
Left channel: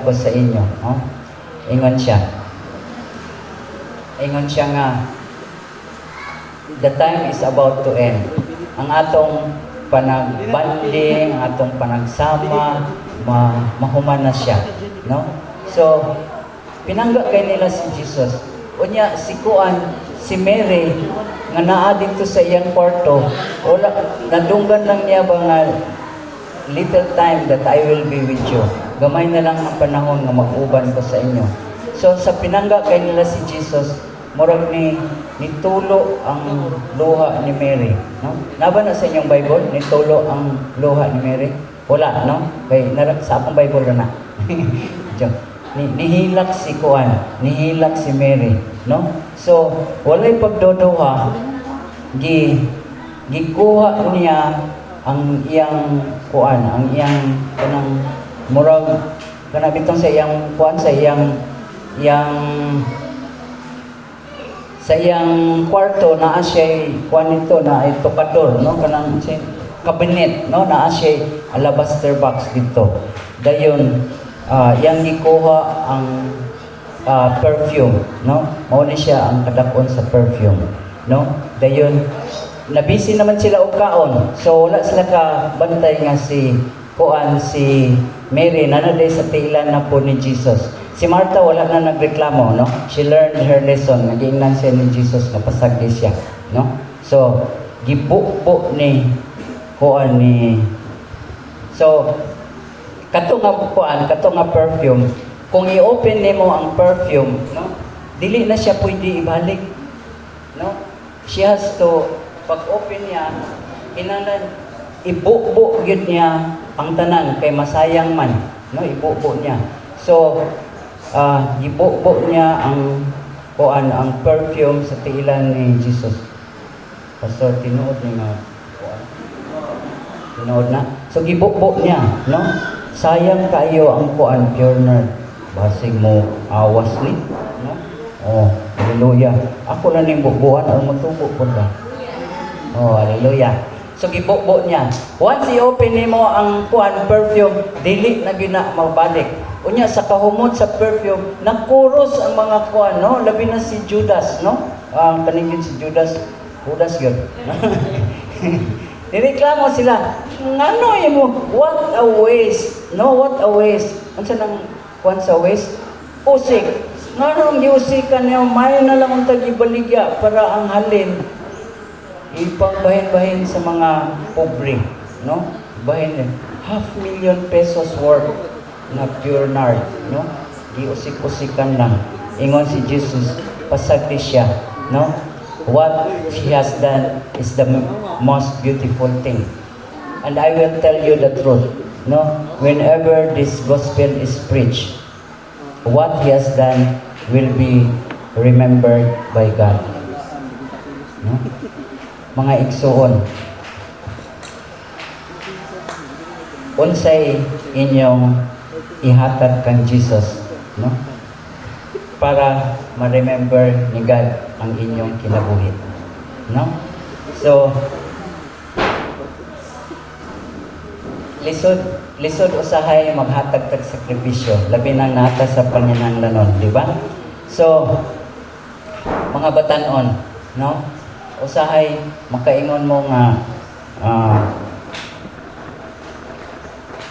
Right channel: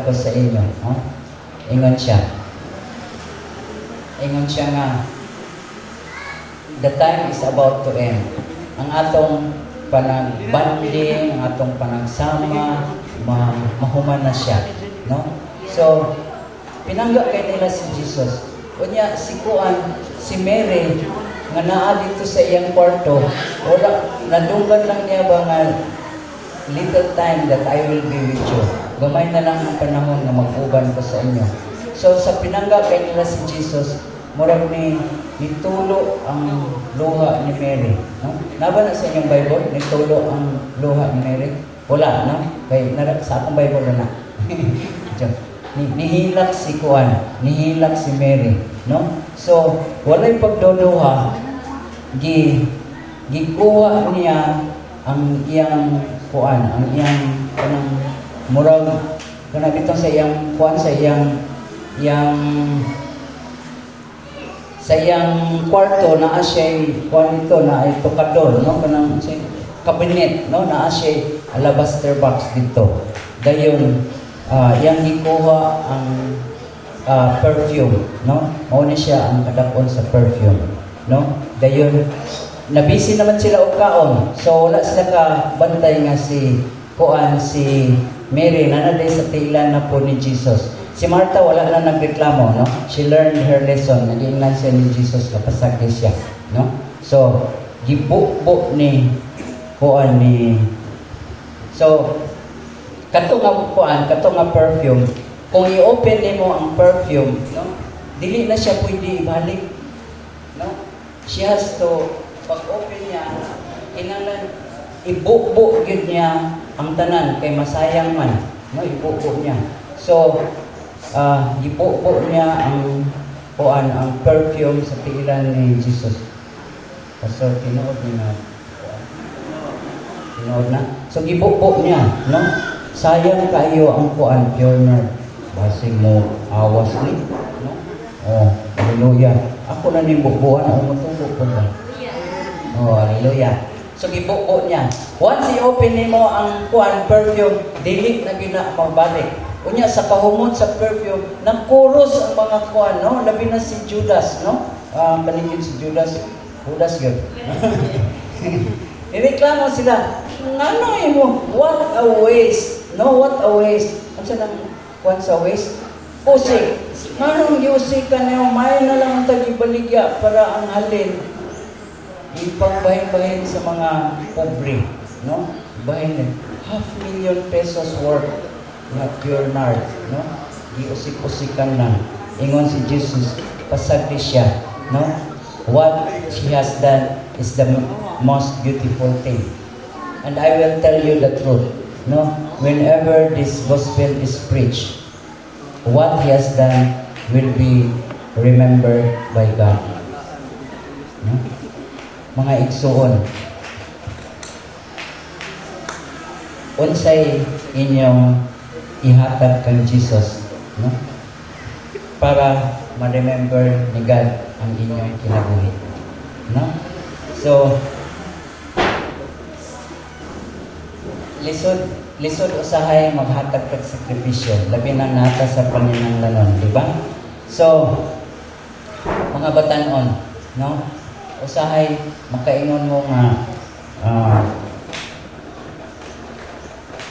ko sa inyo, no? Ingon siya nga the time is about to end. Ang atong panagbanding, ang atong panagsama, mahuman na siya, no? So, pinangga kay nila si Jesus. Unya, si Mary, nga naa dito sa iyang kwarto, nadunggan lang niya ba nga little time that I will be with you. Gamay na lang ang panahon na mag-uban ko sa inyo. So, sa pinangga kay nila si Jesus, murag nitulo ang luha ni Mary, no? Naba na sa inyong Bible nitulo ang luha ni Mary? Wala, no? Kay sa akong Bible na. Nihilak si Mary, no? So walay pagduduha, gikuha niya ang iyang kanang murag kanang bitong sa iyang sa iyang kwarto naa siya nito na tokador, no? Kanang siya cabinet, no? Naa siya alabaster box dito. Dayon yang gikuha ang perfume, no? Mao ni siya ang kadakon sa perfume, no? Dayon nabisi naman sila og kaon. So wala sila ka bantay nga si Mary nanaday sa tiilan na po ni Jesus. Si Martha wala na nagreklamo, no? She learned her lesson. Nag-ingnan siya ni Jesus na pasagdi siya, no? So, gibukbo ni kuan ni so kato nga perfume, kung i-open nimo ang perfume, no? Dili na siya pwede ibalik, no? She has to pag-open niya, kinahanglan ibukbo gyud niya ang tanan kay masayang man, no? Ibukbo niya. So, ibukbo niya ang kuan ang perfume sa tiilan ni Jesus. Pastor, tinuod ni nga kuan. Tinuod na. So, ibukbo niya, no? Sayang kayo ang kuan pure nerd. Basig mo awas ni, no? Oh, hallelujah. Ako na ni bubuan ang mutubo ko ba. Oh, hallelujah. So gibukbo niya. Once i-open nimo ang kuan perfume, dili na gina mabalik. Unya sa kahumot sa perfume, nagkuros ang mga kuan, no? Labi na si Judas, no? Kanigid si Judas gyud. Nireklamo sila. Ngano imo? What a waste. No, what a waste. Unsa nang kuan sa waste? Usik. Ngano giusikan niyo? May na lang ang tagibaligya para ang halin ipangbahin-bahin sa mga pobre, no? Bahin 500,000 pesos worth na pure nard, no? Giusik-usikan lang. Ingon si Jesus, pasagdi siya, no? What she has done is the most beautiful thing. And I will tell you the truth, no? Whenever this gospel is preached, what he has done will be remembered by God. No? Mga igsoon, unsay inyong ihatag kang Jesus, no? Para ma-remember ni God ang inyong kinabuhi, no? So, lisod usahay maghatag kag sakripisyo, labi na nata sa panginahanglanon, di ba? So, mga batan-on, no? Usahay makaingon mo nga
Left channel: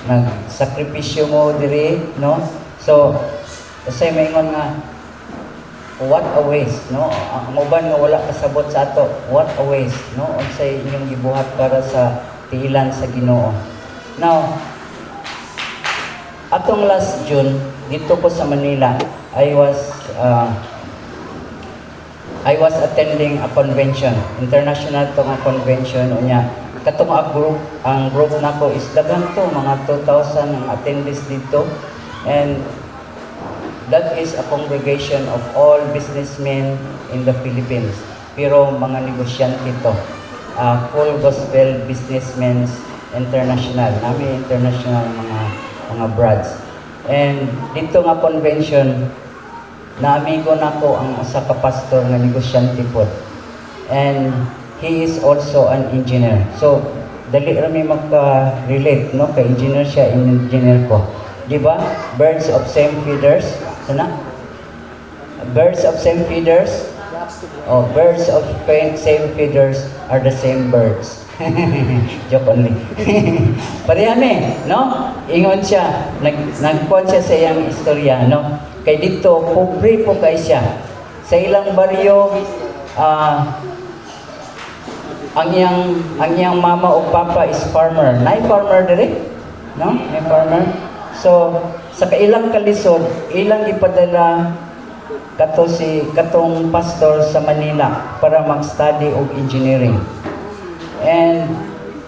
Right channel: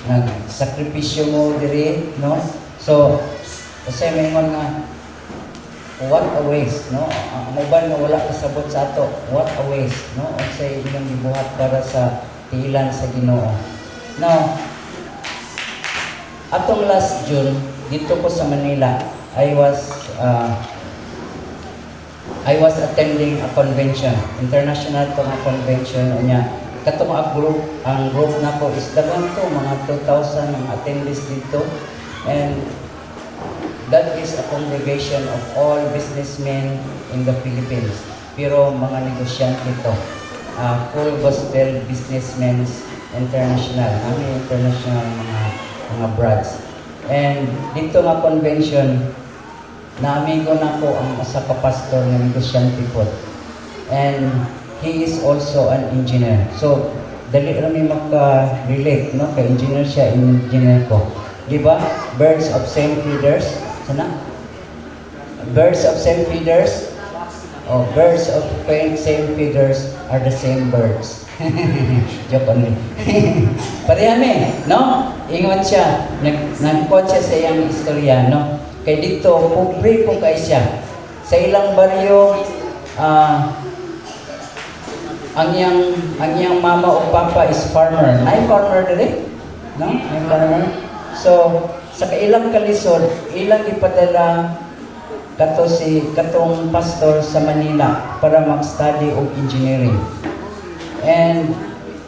nagsakripisyo mo diri, no? So, usahay maingon nga what a waste, no? Ang uban nga wala kasabot sa ato, what a waste, no? Unsay inyong gibuhat para sa tiilan sa Ginoo. Now, atong last June dito ko sa Manila, I was attending a convention, international to nga convention unya. Katong ang group nako is daghang to, mga 2,000 attendees dito, and that is a congregation of all businessmen in the Philippines. Pero mga negosyante to, full gospel businessmen international, international mga brads. And dito nga convention, na-amigo na ko ang asa ka pastor na negosyante po. And he is also an engineer. So, dali rami maka-relate, no? Kay engineer siya, engineer ko. Di ba? Birds of same feathers. Sana? Birds of same feathers. Oh, birds of same feathers are the same birds. Joke only. Parehame, no? Ingon siya, nagkuhan siya sa iyang istorya, no? Kay dito, pobre po kay siya. Sa ilang baryo, ang iyang mama o papa is farmer. May farmer dire? No? May farmer. So, sa kailang kalisod, ilang ipadala katong pastor sa Manila para mag-study of engineering. And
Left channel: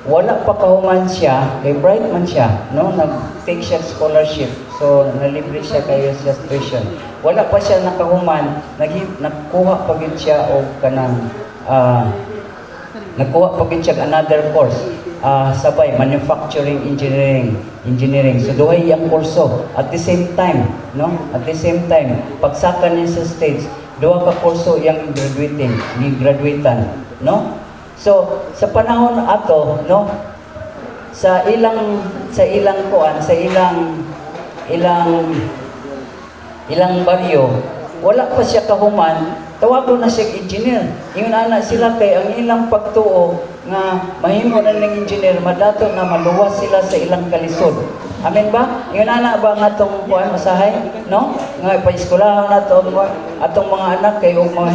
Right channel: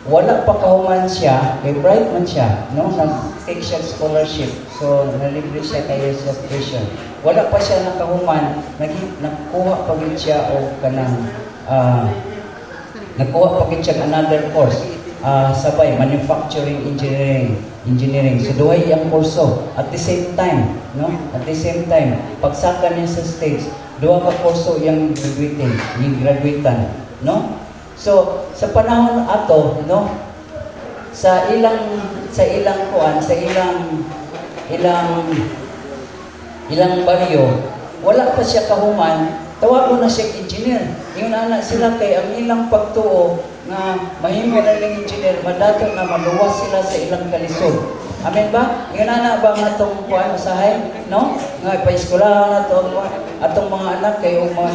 wala pa kahuman siya, kay bright man siya, no? Nag-take siya scholarship. So, nalibre siya kayo sa tuition. Wala pa siya nakahuman, nagkuha pa gid siya o kanang nagkuha pa gid siya another course. Sabay manufacturing engineering. So duhay yang kurso at the same time, no? At the same time, pagsaka niya sa States, duha ka kurso yang graduatean, no? So sa panahon ato, no? Sa ilang kuan, sa ilang baryo, wala pa siya kahuman tawag na siya engineer. Yung anak sila kay ang ilang pagtuo nga mahimo na ng engineer, madato na maluwas sila sa ilang kalisod. Amen ba? Yung anak ba nga itong kuhan usahay? No? Nga pa-eskwelahan na atong mga anak kay ugma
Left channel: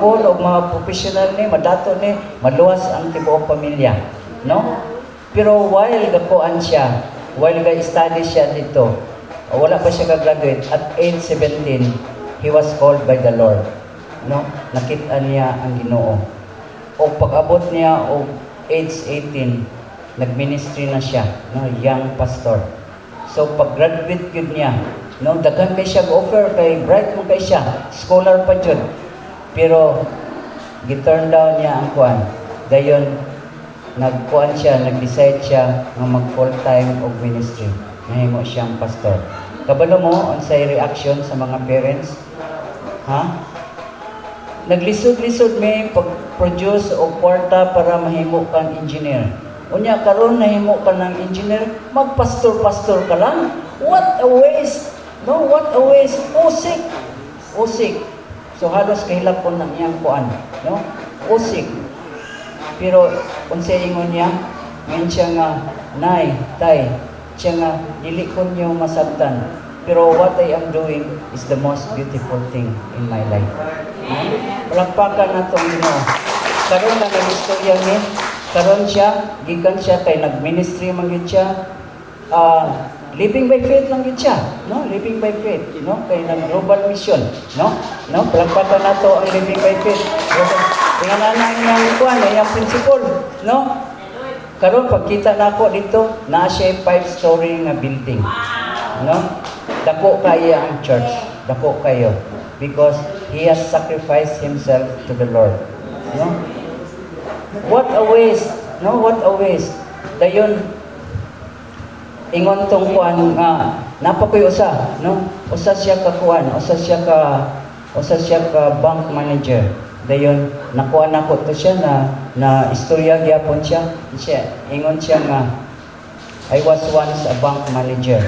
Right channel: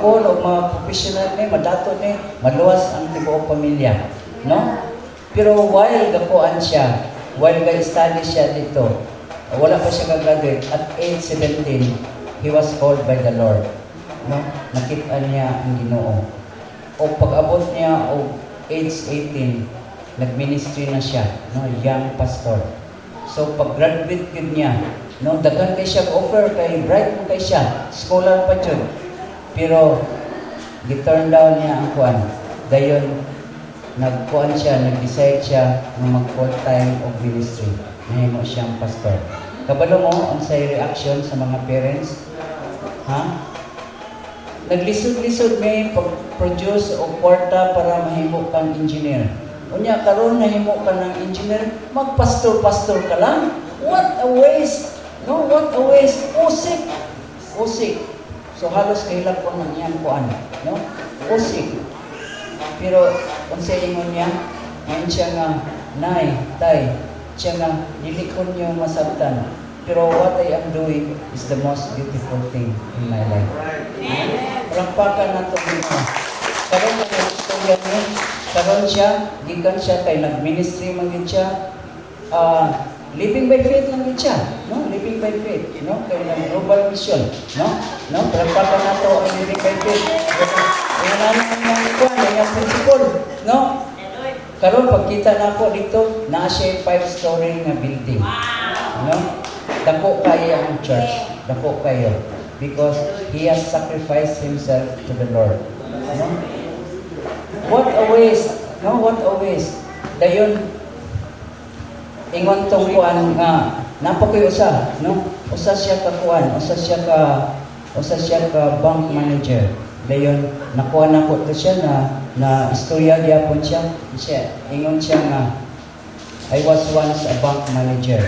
po, o mga professional ni, madato ni, maluwas ang tibuok pamilya. No? Pero while gakuan siya, while ga-study siya dito, wala pa siya ka-graduate, at age 17, he was called by the Lord. No? Nakita niya ang Ginoo. O pag-abot niya o age 18, nag-ministry na siya, no? Young pastor. So pag-graduate yun niya, no? Daghan kay siya offer kay bright mo kay siya, scholar pa yun. Pero gi-turn down niya ang kuan. Dayon nagkuan siya, nag-decide siya na mag-full time of ministry. Nahimo siyang pastor. Kabalo mo ang say reaction sa mga parents? Ha? Naglisod-lisod may pag-produce o kwarta para mahimo kang engineer. Unya karon nahimo ka ng engineer, magpastor-pastor ka lang. What a waste! No, what a waste! Usik! Usik! So halos kahilap ko ng iyang kuan, no? Usik. Pero kung sa ingon niya, ngayon siya nga, nay, tay, siya nga, dili ko niyo masabtan. Pero what I am doing is the most beautiful thing in my life. Palakpakan na ito, karon na ng istorya niya, karon siya, gikan siya, kay nag-ministry magin siya, living by faith lang yun siya, no? Living by faith, no? Kay na global mission, no? No? Palakpakan na ito ang living by faith. Yan na yung kuwan, yung principle, no? Karon pagkita na ako dito, na siya 5-story nga building. No? Dako kayo ang church. Dako kayo. Because he has sacrificed himself to the Lord. No? What a waste. No? What a waste. Dayon, ingon tong kuwan nga, napakoy usa, no? Usa siya ka kuwan, usa siya ka bank manager. Dayon nakuha na ko to siya na istorya gyapon siya. Ingon siya nga, I was once a bank manager.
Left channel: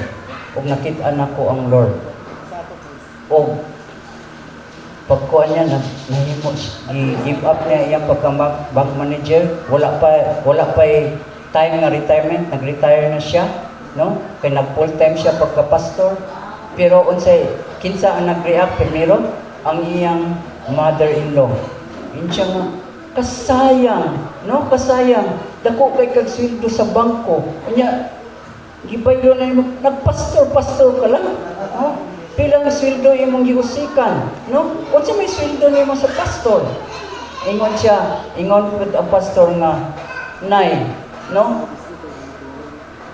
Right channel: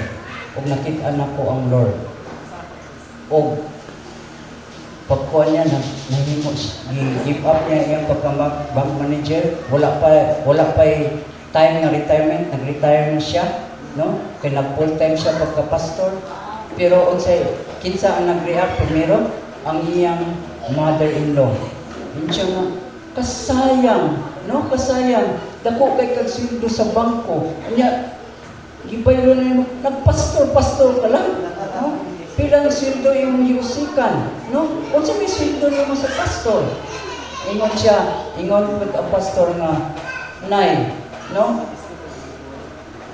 Ug nakita na ko ang Lord. Ug pagkuha niya nahimo give up niya iyang pagka-bank manager. Wala pa time nga retirement, nag-retire na siya, no? Kay nag full time siya pagka-pastor. Pero unsay kinsa ang nag-react primero? Ang iyang mother-in-law. Yun siya nga, kasayang, no? Kasayang. Dako kay kag sweldo sa bangko. Kanya, gibaylo na yung, nagpastor-pastor ka lang. No? Pilang sweldo yung mong giusikan. No? Kung siya may sweldo na yung sa pastor. Ingon po ang pastor nga, Nay, no?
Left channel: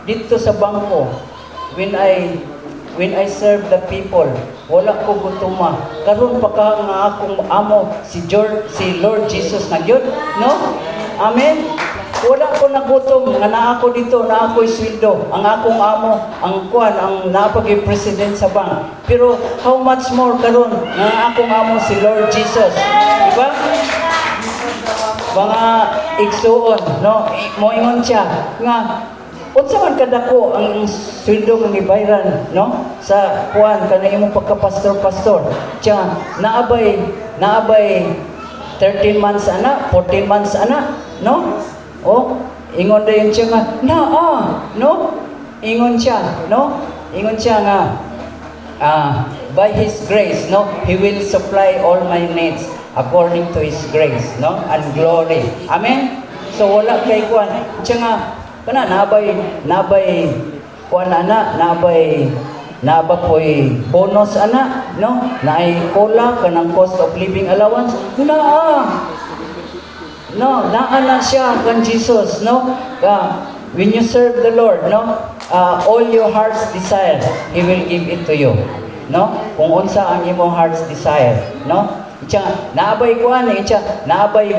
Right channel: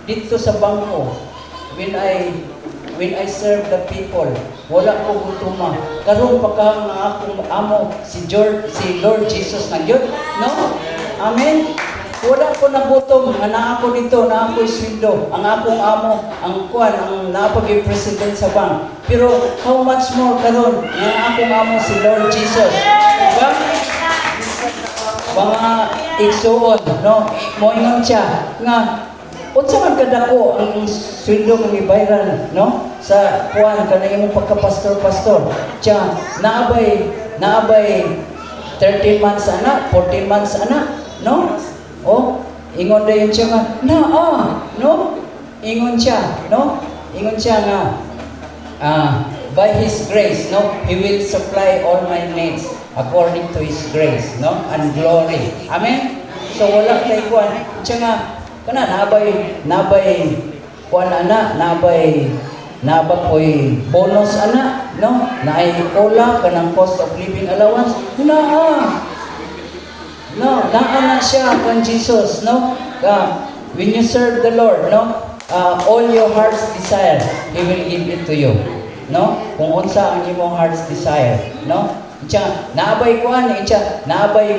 Dito sa bangko, when I serve the people, wala ko gutuma. Karon pa ka nga akong amo si Lord Jesus na gyud, no? Amen. Wala ko nagutom nga naa ako dito, naa ako'y sweldo. Ang akong amo, ang napag-president sa bank. Pero how much more karon nga akong amo si Lord Jesus? Diba? Mga igsuon, no? Moingon siya nga, unsa man kadako ang sweldo mong ibayran, no? Sa kuan kanay imong pagka-pastor. Tiya, naabay 13 months ana, 14 months ana, no? Oh, ingon dayon siya nga, no? Ingon siya, no? Ingon siya nga, by His grace, no? He will supply all my needs according to His grace, no? And glory. Amen? So wala kay kuan. Siya nga, kana nabay kuan ana, nabay koy bonus ana, no? Naay kola kanang cost of living allowance. No, naa siya kan Jesus, no? When you serve the Lord, no? All your heart's desire, He will give it to you, no? Kung unsa ang imong heart's desire, no? Naabay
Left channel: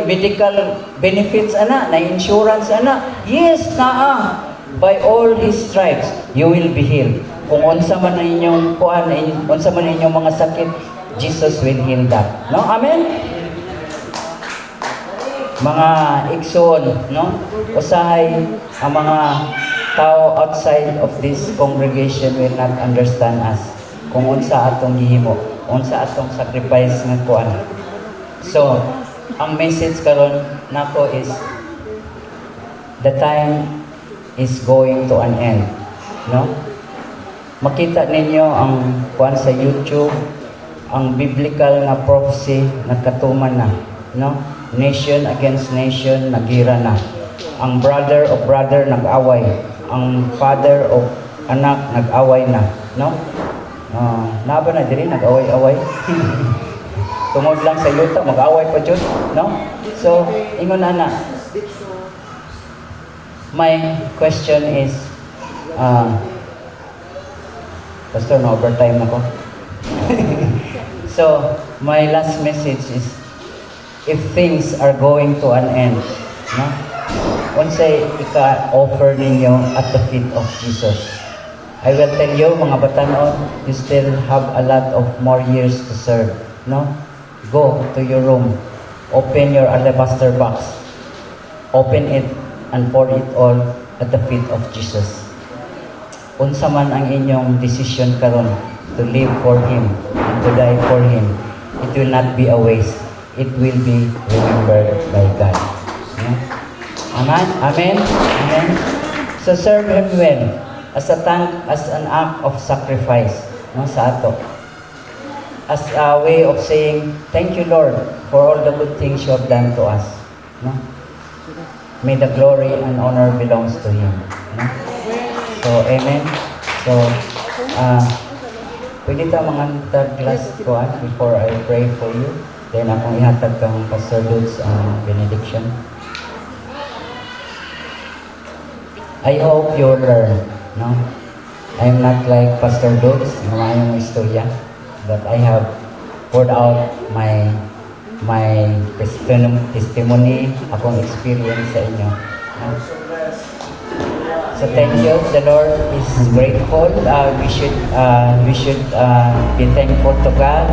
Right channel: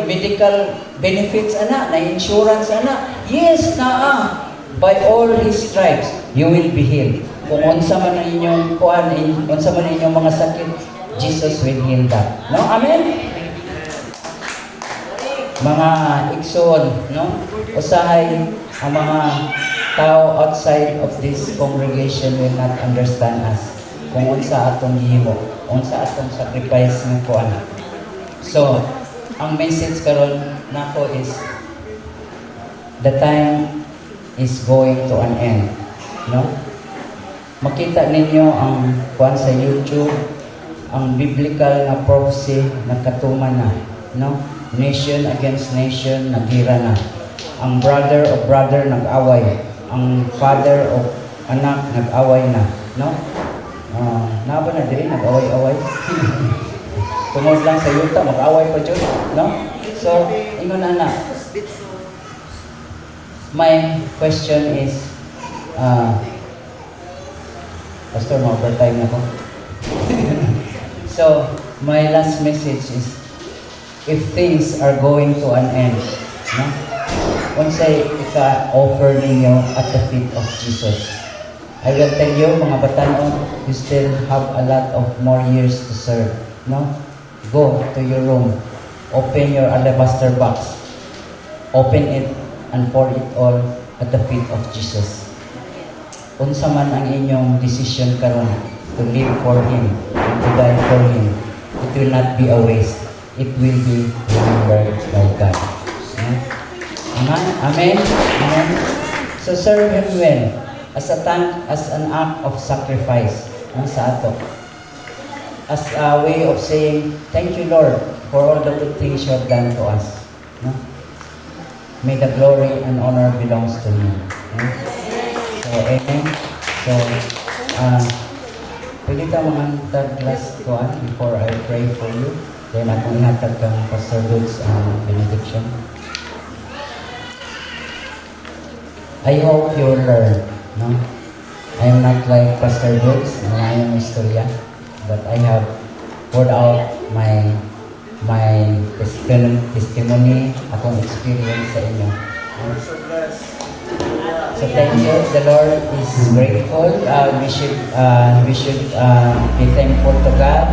medical benefits ana, na insurance ana. Yes, naa. By all His stripes, you will be healed. Kung unsa man ang inyong unsa man inyong mga sakit, Jesus will heal that. No? Amen. Mga igsoon, no? Usahay ang mga tao outside of this congregation will not understand us kung unsa atong gihimo. unsa atong sacrifice nga kuan. So, ang message karon nako is the time is going to an end, no? Makita ninyo ang kuan sa YouTube, ang biblical nga prophecy nagkatuman na, no? Nation against nation nagira na. Ang brother of brother nag-away, ang father of anak nag-away na, no? Naba na diri nag-away-away. Tungod lang sa yuta mag-away pa jud, no? So, ingon ana. My question is Pastor, ma-overtime na ko. So, my last message is, if things are going to an end, no? Once ika-offer ninyo at the feet of Jesus, I will tell you, mga batanon, you still have a lot of more years to serve, no? Go to your room, open your alabaster box, open it, and pour it all at the feet of Jesus. Unsa man ang inyong decision karon to live for Him and to die for Him, it will not be a waste. It will be remembered by God. Amen? Amen? Amen? So serve Him well as an act of sacrifice, no, sa ato. As a way of saying, thank you Lord for all the good things you have done to us. No? May the glory and honor belongs to Him. No? So, amen. So, pwede ka mga last ko before I pray for you. Then, akong ihatag kang Pastor Dud's benediction. I hope you'll learn. No? I'm not like Pastor Dud's na mayong istorya, but I have poured out my testimony, akong experience sa inyo. So thank you. The Lord is grateful. We should be thankful to God